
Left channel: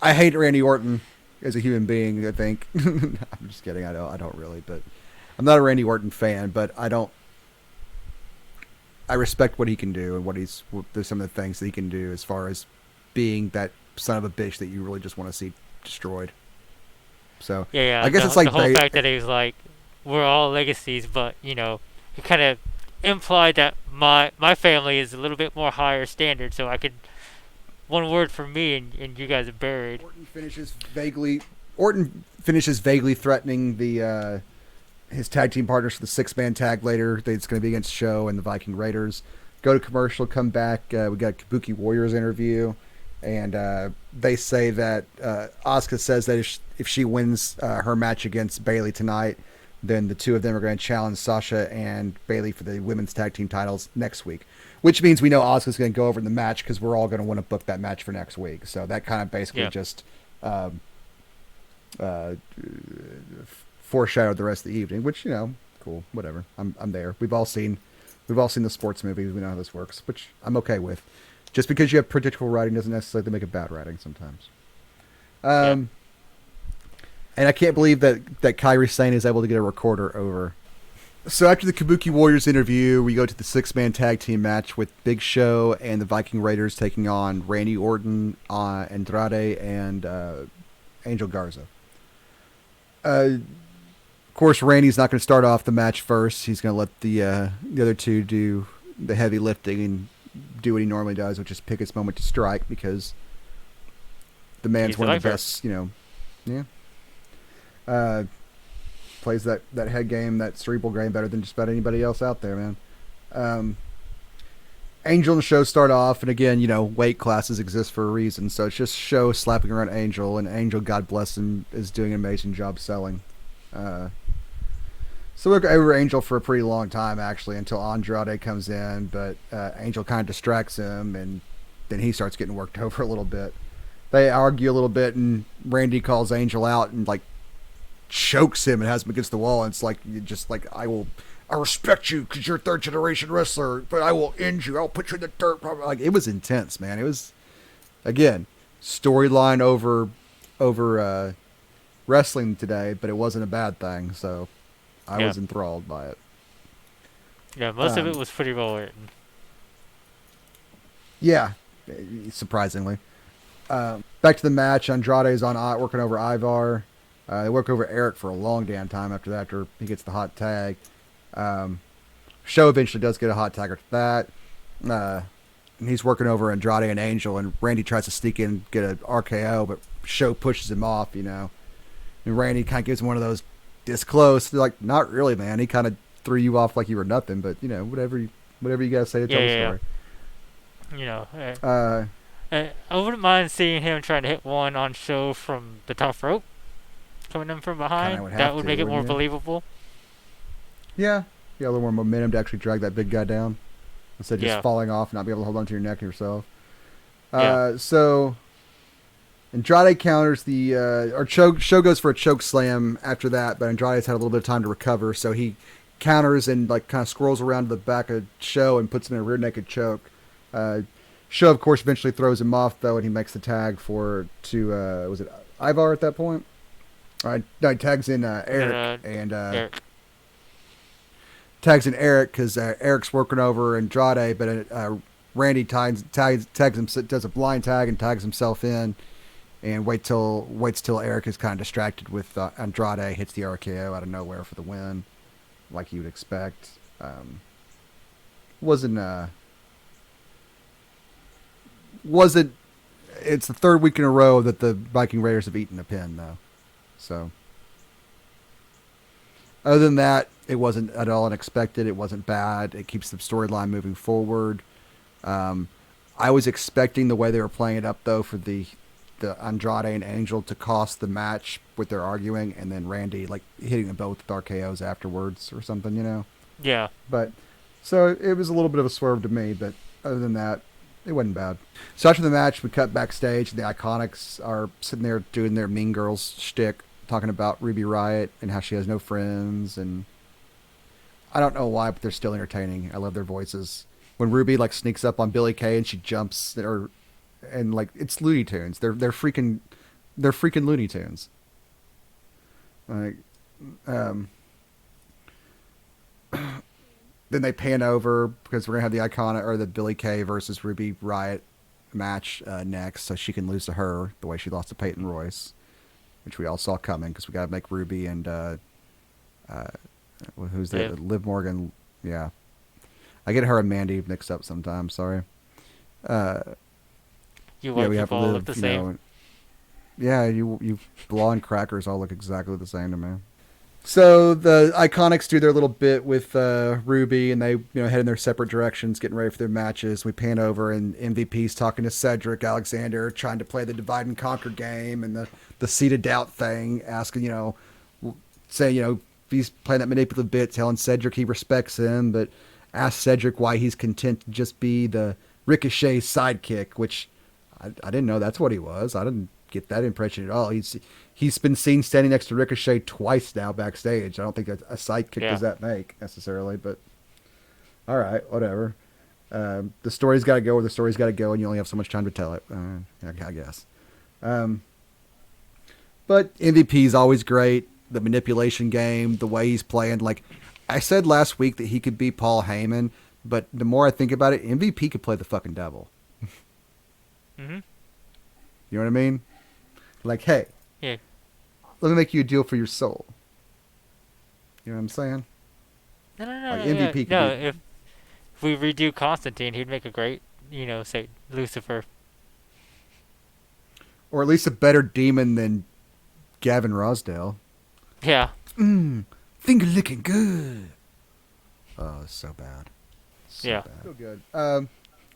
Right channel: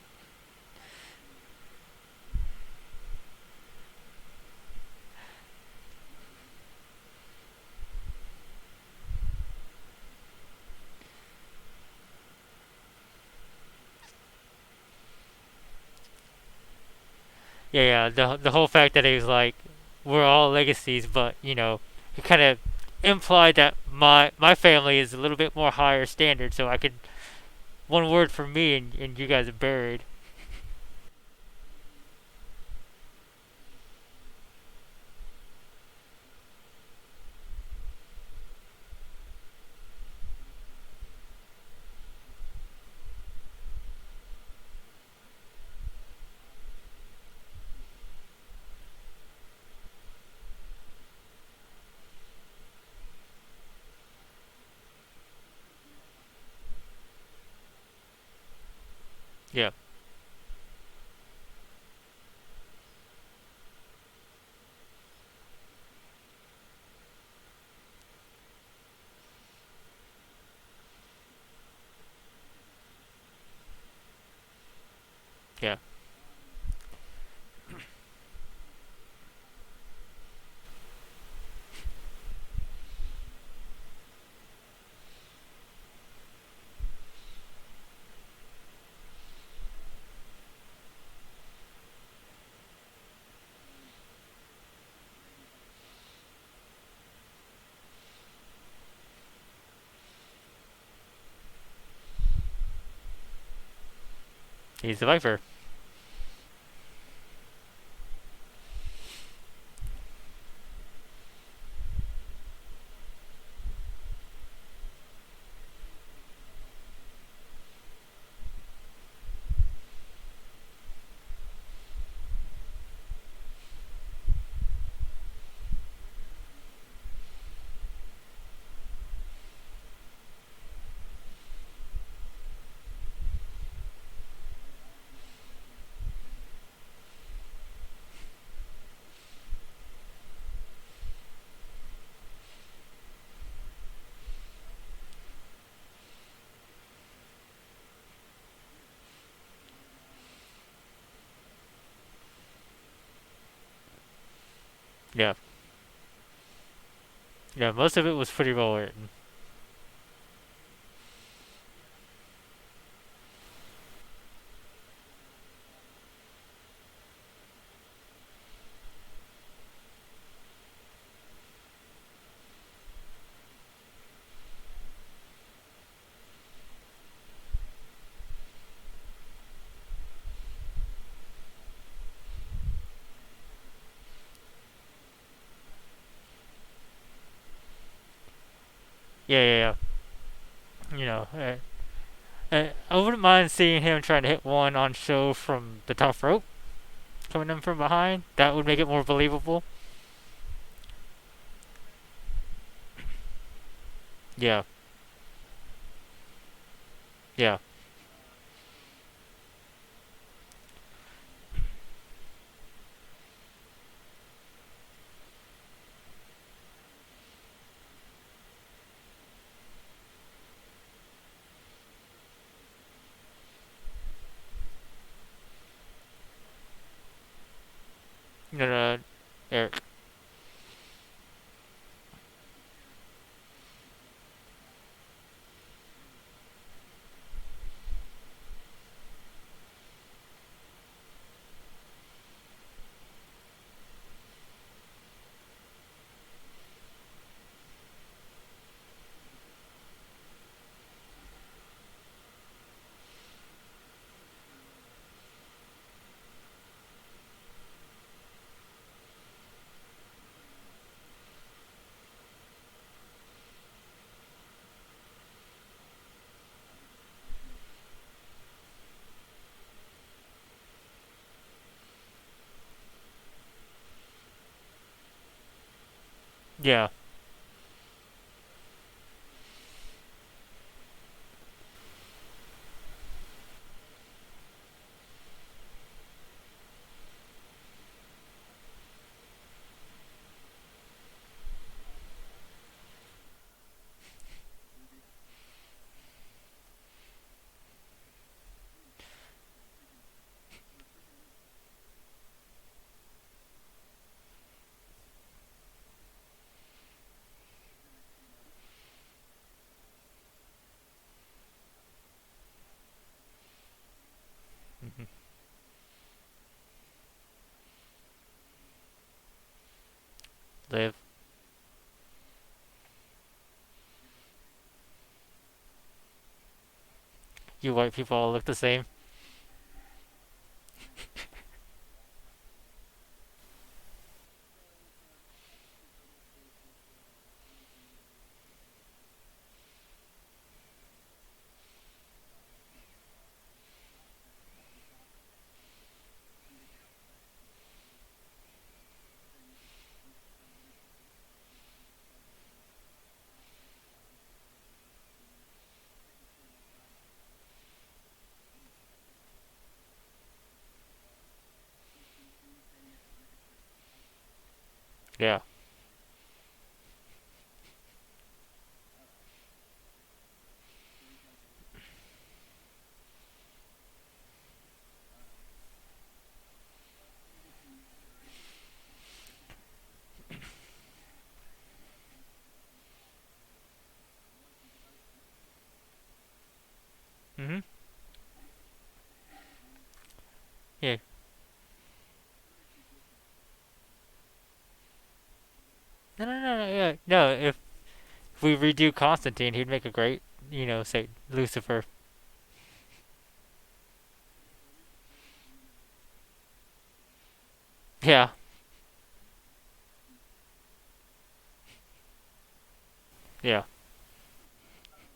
I hate Randy Orton as a human being. I think. I'm just kidding. I don't really, but I'm not a Randy Orton fan. But I respect what he can do and there's some of the things that he can do as far as being that son of a bitch that you really just want to see destroyed. So Yeah. I guess it's like the whole fact that he was like, we're all legacies, but he kind of implied that my family is a little bit more higher standard, so I could one word for me and you guys are buried. Orton finishes vaguely threatening the his tag team partners for the 6-man tag later. It's going to be against Show and the Viking Raiders. Go to commercial, come back. We got a Kabuki Warriors interview. And they say that Asuka says that if she wins her match against Bayley tonight, then the two of them are going to challenge Sasha and Bayley for the women's tag team titles next week. Which means we know Asuka's going to go over in the match because we're all going to want to book that match for next week. So that kind of basically just foreshadowed the rest of the evening, which cool, whatever. I'm there. We've all seen the sports movies. We know how this works, which I'm okay with. Just because you have predictable writing doesn't necessarily make it bad writing sometimes. And I can't believe that Kairi Sane is able to get a recorder over. So after the Kabuki Warriors interview, we go to the 6-man tag team match with Big Show and the Viking Raiders taking on Randy Orton, Andrade, and Angel Garza. Of course, Randy's not going to start off the match first. He's going to let the other two do the heavy lifting and do what he normally does, which is pick his moment to strike because the man's one of the best, plays that head game, that cerebral game better than just about anybody else out there, man. Angel and the Show start off, and again, weight classes exist for a reason, so it's just Show slapping around Angel, and Angel, God bless him, is doing an amazing job selling. So we look over Angel for a pretty long time, actually, until Andrade comes in, but Angel kind of distracts him, and then he starts getting worked over a little bit. They argue a little bit, and Randy calls Angel out and, chokes him and has him against the wall, and it's I respect you because you're a third-generation wrestler, but I will end you. I'll put you in the dirt. It was intense, man. It was, again, storyline over wrestling today, but it wasn't a bad thing, so I was enthralled by it. Yeah, most of it was pretty well written. Yeah, surprisingly. Back to the match. Andrade is working over Ivar. They work over Eric for a long damn time after he gets the hot tag. Show eventually does get a hot tag after that. And he's working over Andrade and Angel, and Randy tries to sneak in and get an RKO, but Show pushes him off, And Randy kind of gives him one of those this close. They're like, not really, man. He kind of threw you off like you were nothing, but whatever you gotta say to tell the story. I wouldn't mind seeing him trying to hit one on Show from the top rope. coming in from Kind of behind. would That have would to, make it wouldn't more you? believable. Yeah. Yeah, a little more momentum to actually drag that big guy down instead of just Yeah, falling off and not be able to hold onto your neck yourself. yeah. So Andrade counters the or show goes for a choke slam after that, but Andrade's had a little bit of time to recover, so he counters and like kind of scrolls around to the back of Show and puts him in a rear naked choke. Uh, Show, of course, eventually throws him off though, and he makes the tag to was it Ivar at that point? All right, no, he tags in Eric and Eric. tags in Eric because Eric's working over Andrade, but Randy tags him, does a blind tag and tags himself in, and waits till Eric is kind of distracted with Andrade, hits the RKO out of nowhere for the win, like you would expect. Wasn't it's the third week in a row that the Viking Raiders have eaten a pin though, so. Other than that, it wasn't at all unexpected. It wasn't bad. It keeps the storyline moving forward. I was expecting the way they were playing it up though for the Andrade and Angel to cost the match with their arguing, and then Randy like hitting them both with RKO's afterwards or something, you know. Yeah. But so it was a little bit of a swerve to me, but other than that, it wasn't bad. So after the match, we cut backstage. And the Iconics are sitting there doing their Mean Girls shtick, talking about Ruby Riott and how she has no friends, and I don't know why, but they're still entertaining. I love their voices. When Ruby like sneaks up on Billy Kay and she jumps, and like it's Looney Tunes. They're freaking Looney Tunes. Like, then they pan over because we're gonna have the Iconic or the Billy Kay versus Ruby Riott match next, so she can lose to her the way she lost to Peyton Royce, which we all saw coming because we got to make Ruby and who's that? Liv Morgan. Yeah, I get her and Mandy mixed up sometimes. Sorry. You white we have people all Liv, look the same. Yeah, you blonde crackers all look exactly the same to me. So the Iconics do their little bit with Ruby, and they head in their separate directions, getting ready for their matches. We pan over, and MVP's talking to Cedric Alexander, trying to play the divide and conquer game and the seed of doubt thing, asking, saying, he's playing that manipulative bit, telling Cedric he respects him, but asks Cedric why he's content to just be the Ricochet sidekick, which I didn't know that's what he was. I didn't get that impression at all. He's been seen standing next to Ricochet twice now backstage. I don't think a sidekick does that make necessarily, but all right, whatever. The story's got to go where the story's got to go, and you only have so much time to tell it. I guess. But MVP's always great. The manipulation game, the way he's playing. Like I said last week that he could be Paul Heyman, but the more I think about it, MVP could play the fucking devil. Mm-hmm. You know what I mean? Like, hey, yeah, let me make you a deal for your soul. You know what I'm saying? No, Like, MVP no. If we redo Constantine, he'd make a great, say Lucifer, or at least a better demon than Gavin Rosdale. Yeah. Finger licking good. Oh, it's so bad. Bad. So good.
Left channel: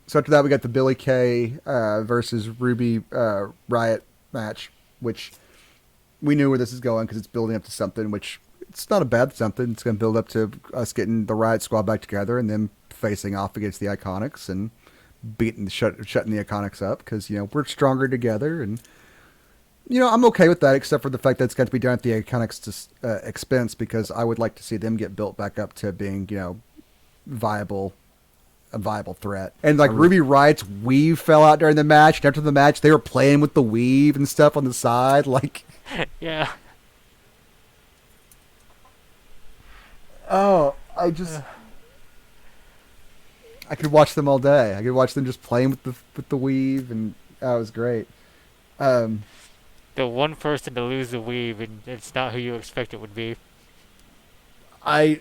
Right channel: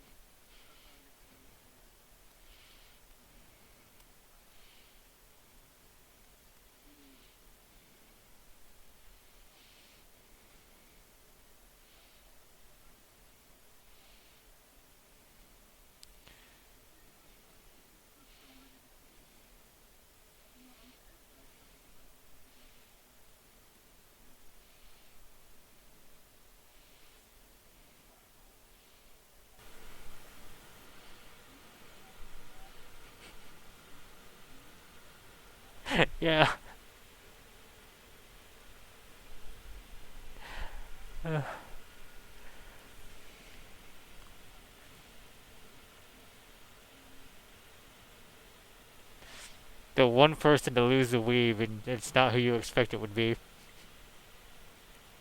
So after that, we got the Billy Kay versus Ruby Riott match, which we knew where this is going because it's building up to something, which it's not a bad something. It's going to build up to us getting the Riott Squad back together and then facing off against the Iconics and shutting the Iconics up because, we're stronger together. And, I'm okay with that except for the fact that it's got to be done at the Iconics' expense because I would like to see them get built back up to being, a viable threat. And like Ruby Riott's weave fell out during the match. And after the match, they were playing with the weave and stuff on the side. Like, yeah. Oh, I could watch them all day. I could watch them just playing with the weave, and that was great. The one person to lose the weave, and it's not who you expect it would be. I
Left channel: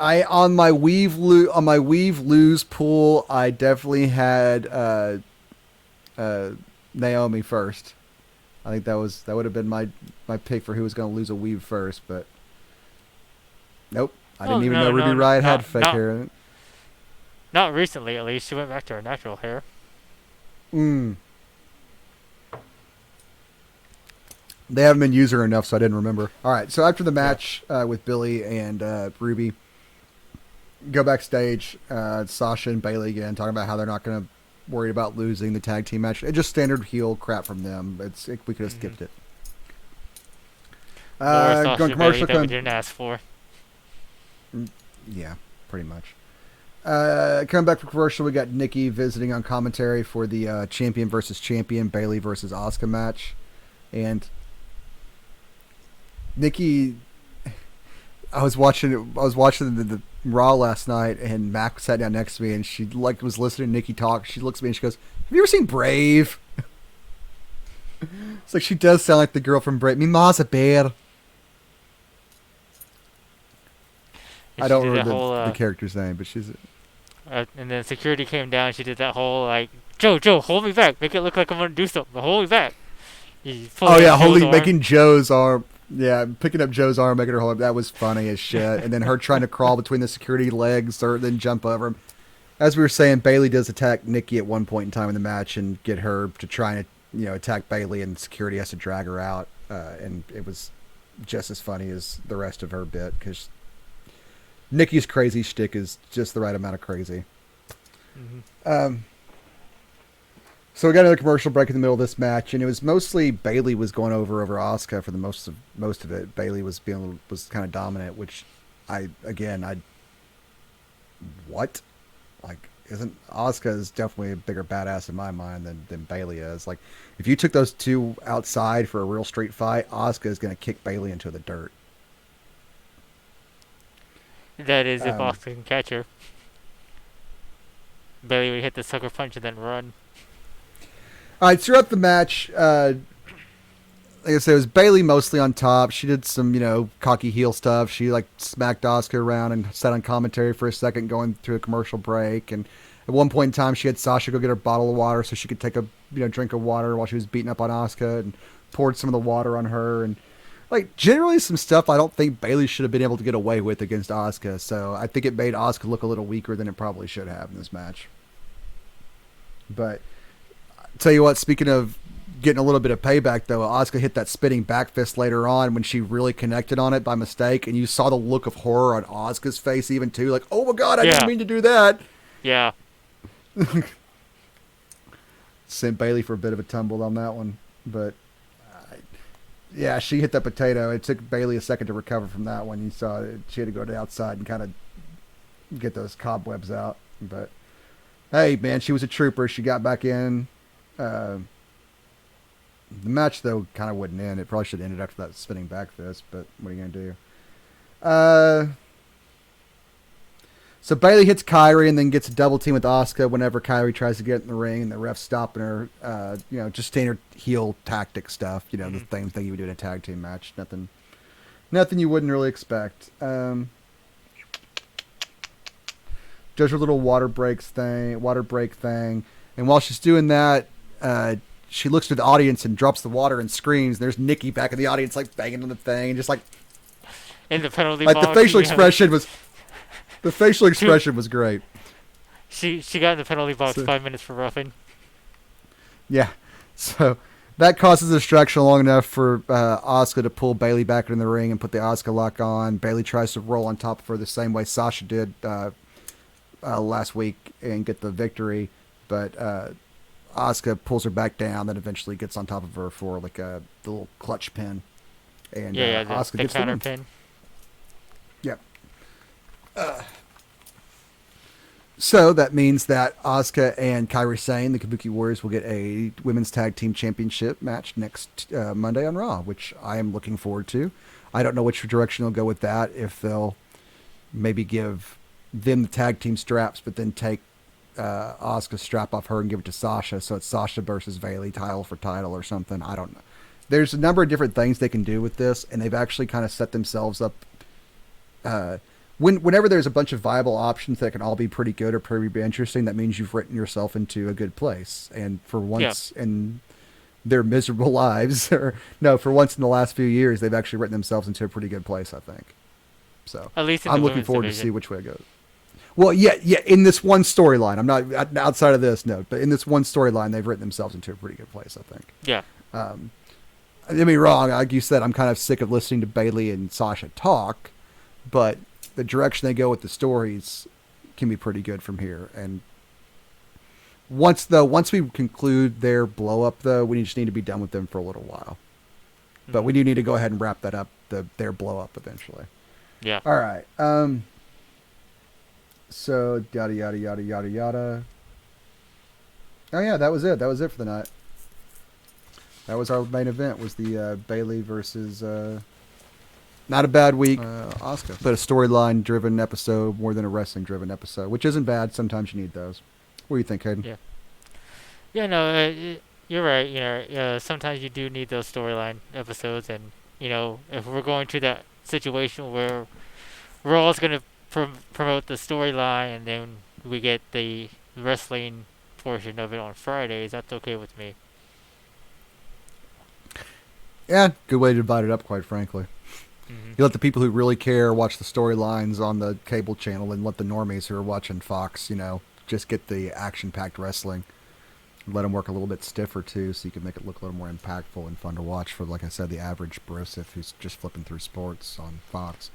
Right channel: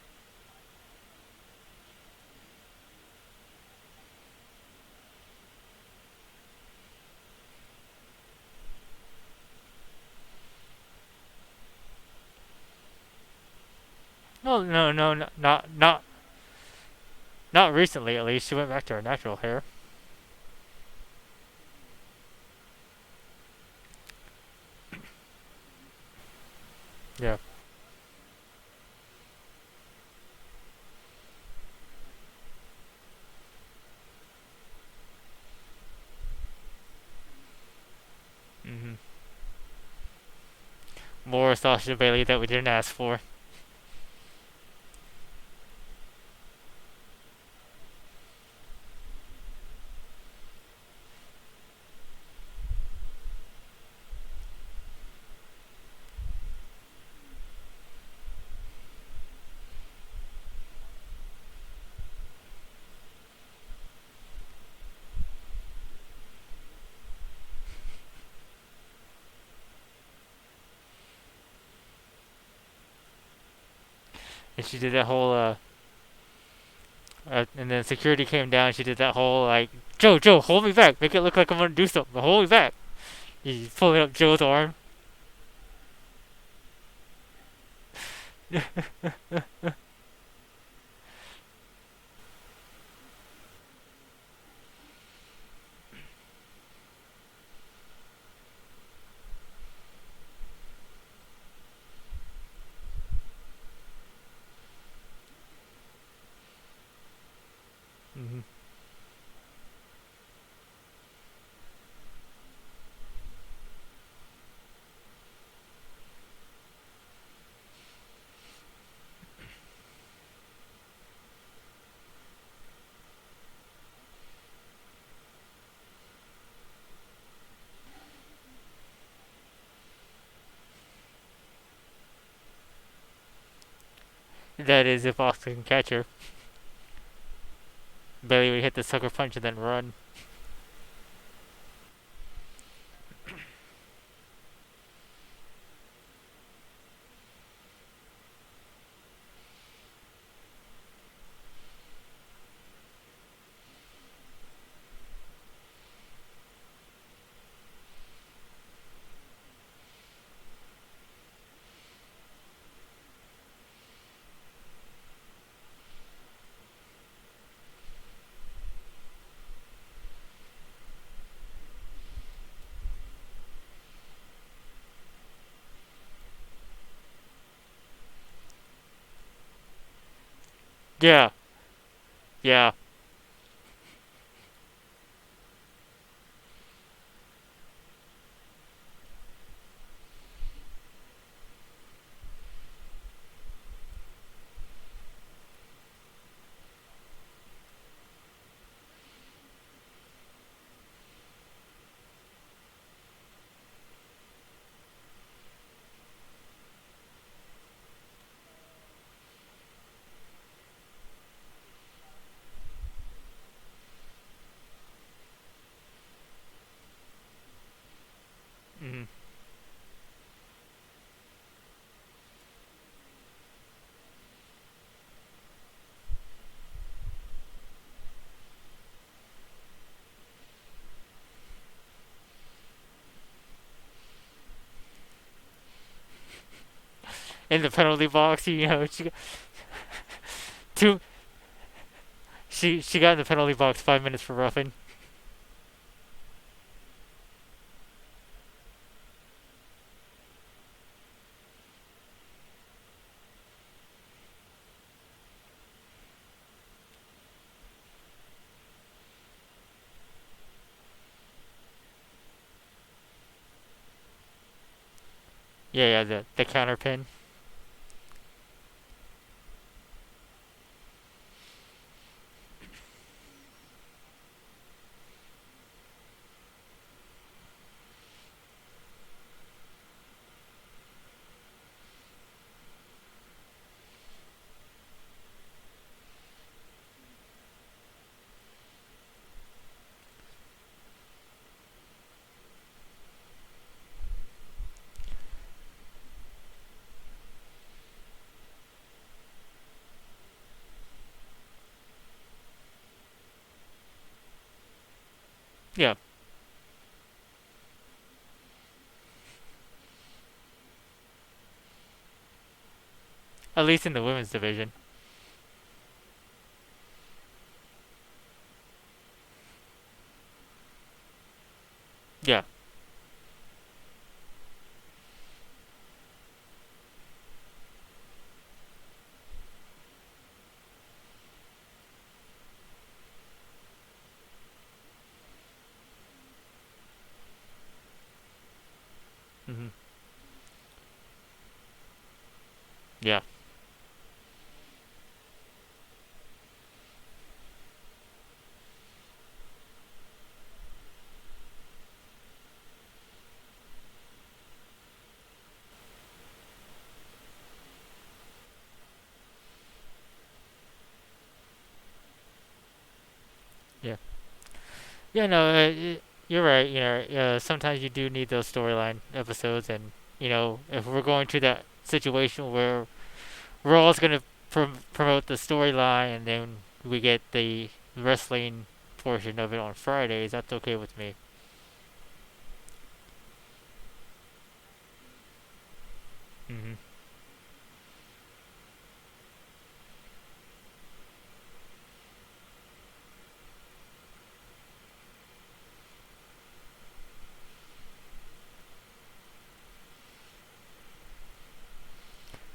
on my weave lose pool, I definitely had Naomi first. I think that would have been my pick for who was going to lose a weave first, but nope. I didn't even know Ruby Riott had fake hair. Not recently, at least. She went back to her natural hair. They haven't been using her enough, so I didn't remember. All right, so after the Yeah. match with Billy and Ruby, go backstage. Sasha and Bailey again talking about how they're not going to worry about losing the tag team match. It's just standard heel crap from them. We could have Hmm. skipped it. More Going Sasha Bailey commercial. that we didn't ask for. Yeah, pretty much. Coming back from commercial, we got Nikki visiting on commentary for the champion versus champion Bailey versus Asuka match, and Nikki. I was watching the Raw last night, and Mac sat down next to me, and she was listening to Nikki talk. She looks at me and she goes, "Have you ever seen Brave?" It's like she does sound like the girl from Brave. Me ma's a bear. And I she don't did that remember whole the character's name, but she's. and then security came down. She did that whole like, Joe, hold me back. Make it look like I'm gonna do something. But hold me back. You pull Oh up yeah, Joe's holding, arm. making Joe's arm. Yeah, picking up Joe's arm, making her hold up. That was funny as shit. And then her trying to crawl between the security legs, or then jump over him. As we were saying, Bailey does attack Nikki at one point in time in the match and get her to try and attack Bailey, and security has to drag her out. And it was just as funny as the rest of her bit because Nikki's crazy shtick is just the right amount of crazy. Hmm. So we got another commercial break in the middle of this match, and it was mostly Bailey was going over Asuka for the most of it. Bailey was kind of dominant, which I what like isn't Asuka is definitely a bigger badass in my mind than Bailey is. Like if you took those two outside for a real street fight, Asuka is going to kick Bailey into the dirt. That is if Um, Oscar can catch her. Bailey would hit the sucker punch and then run. all right, throughout the match, like I said, it was Bailey mostly on top. She did some, cocky heel stuff. She like smacked Asuka around and sat on commentary for a second, going through a commercial break. And at one point in time, she had Sasha go get her bottle of water so she could take a drink of water while she was beating up on Asuka, and poured some of the water on her. And like generally some stuff I don't think Bailey should have been able to get away with against Asuka. So I think it made Asuka look a little weaker than it probably should have in this match. But tell you what, speaking of getting a little bit of payback, though, Asuka hit that spinning back fist later on when she really connected on it by mistake, and you saw the look of horror on Asuka's face even too, like, oh my god, I didn't Yeah, mean to do that. yeah. Sent Bailey for a bit of a tumble on that one, but yeah, she hit that potato. It took Bailey a second to recover from that one. You saw it. She had to go to the outside and kind of get those cobwebs out. But hey, man, she was a trooper. She got back in. Uh, the match, though, kind of wouldn't end. It probably should have ended after that spinning back fist, but what are you going to do? So Bailey hits Kyrie and then gets a double team with Asuka whenever Kyrie tries to get in the ring, and the ref's stopping her. Just standard heel tactic stuff. The same thing you would do in a tag team match. Nothing you wouldn't really expect. Does her little water break thing, and while she's doing that, she looks to the audience and drops the water and screams. There's Nikki back in the audience, like banging on the thing, and just In the penalty like box, the facial you know, expression was the facial two, expression was great. she got in the penalty box So, 5 minutes for roughing. yeah, so that causes a distraction long enough for Asuka to pull Bailey back in the ring and put the Asuka lock on. Bailey tries to roll on top of her the same way Sasha did last week and get the victory, but Asuka pulls her back down, then eventually gets on top of her for like the little clutch pin. And Yeah, Asuka the gets counter win. pin. Yep. So that means that Asuka and Kairi Sane, the Kabuki Warriors, will get a women's tag team championship match next Monday on Raw, which I am looking forward to. I don't know which direction they'll go with that. If they'll maybe give them the tag team straps, but then take Asuka's strap off her and give it to Sasha, so it's Sasha versus Bayley, title for title or something. I don't know. There's a number of different things they can do with this, and they've actually kind of set themselves up. Whenever there's a bunch of viable options that can all be pretty good or pretty interesting, that means you've written yourself into a good place. And for once in their miserable lives, or no, for once in the last few years, they've actually written themselves into a pretty good place, I think. So At least in I'm the looking women's forward division. to see which way it goes. Well, yeah, in this one storyline, I'm not outside of this, no, but in this one storyline, they've written themselves into a pretty good place, I think. Yeah. Don't get me wrong, like you said, I'm kind of sick of listening to Bailey and Sasha talk, but the direction they go with the stories can be pretty good from here. And once we conclude their blow up, though, we just need to be done with them for a little while. But we do need to go ahead and wrap that up, their blow up eventually. Yeah. All right. So yada yada yada yada yada. Oh yeah, that was it. That was it for the night. That was our main event. Was the Bailey versus not a bad week. Oscar. But a storyline driven episode more than a wrestling driven episode, which isn't bad. Sometimes you need those. What do you think, Hayden? Yeah. Yeah, no, you're right. Sometimes you do need those storyline episodes, and if we're going to that situation where we're always going to promote the storyline, and then we get the wrestling portion of it on Fridays, that's okay with me. Yeah, good way to divide it up, quite frankly. Mm-hmm. You let the people who really care watch the storylines on the cable channel, and let the normies who are watching Fox, just get the action-packed wrestling. Let them work a little bit stiffer, too, so you can make it look a little more impactful and fun to watch for, like I said, the average brosif who's just flipping through sports on Fox.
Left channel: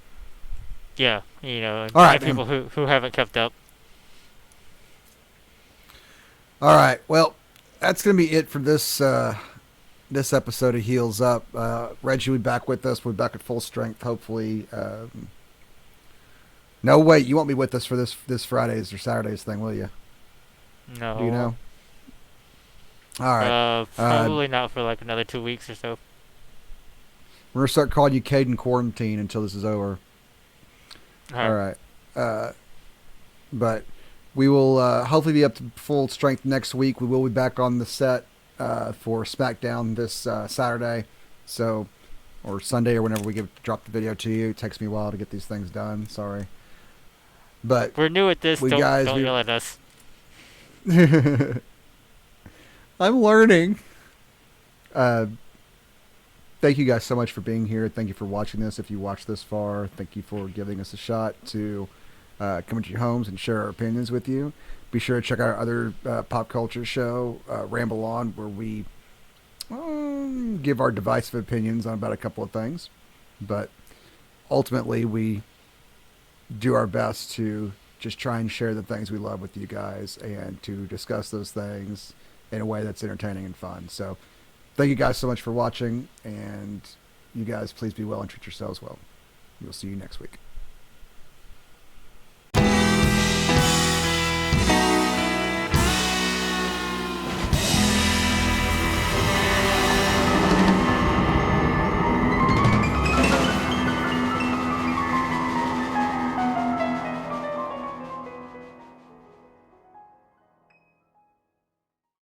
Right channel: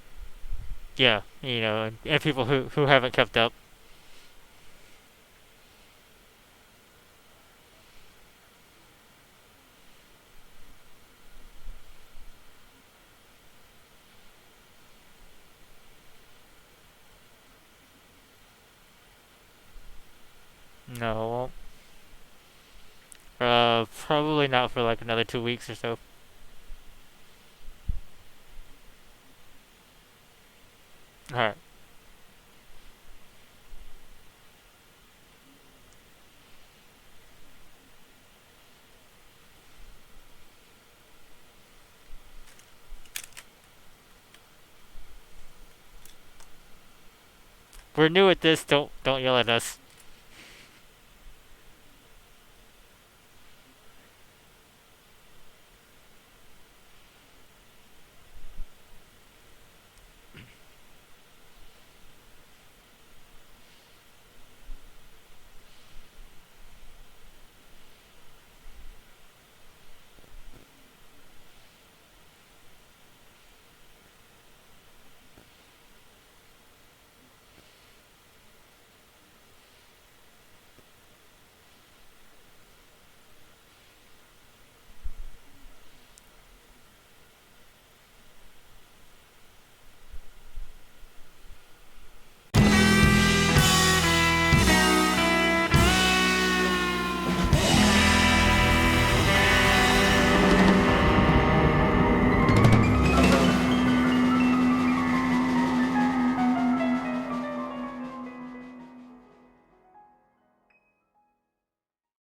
Yeah, and right, people who haven't kept up. All right, well, that's going to be it for this this episode of Heels Up. Reggie will be back with us. We'll be back at full strength, hopefully. No, wait, you won't be with us for this Fridays or Saturdays thing, will you? No. Do you know? All right. Probably not for like another 2 weeks or so. We're going to start calling you Caden Quarantine until this is over. All right. But we will hopefully be up to full strength next week. We will be back on the set for SmackDown this Saturday, or Sunday, or whenever we drop the video to you. It takes me a while to get these things done. Sorry, but we're new at this. Don't yell at us. I'm learning. Thank you guys so much for being here. Thank you for watching this. If you watched this far, thank you for giving us a shot to come into your homes and share our opinions with you. Be sure to check out our other pop culture show, Ramble On, where we give our divisive opinions on about a couple of things. But ultimately, we do our best to just try and share the things we love with you guys and to discuss those things in a way that's entertaining and fun. So thank you guys so much for watching, and you guys please be well and treat yourselves well. We'll see you next week.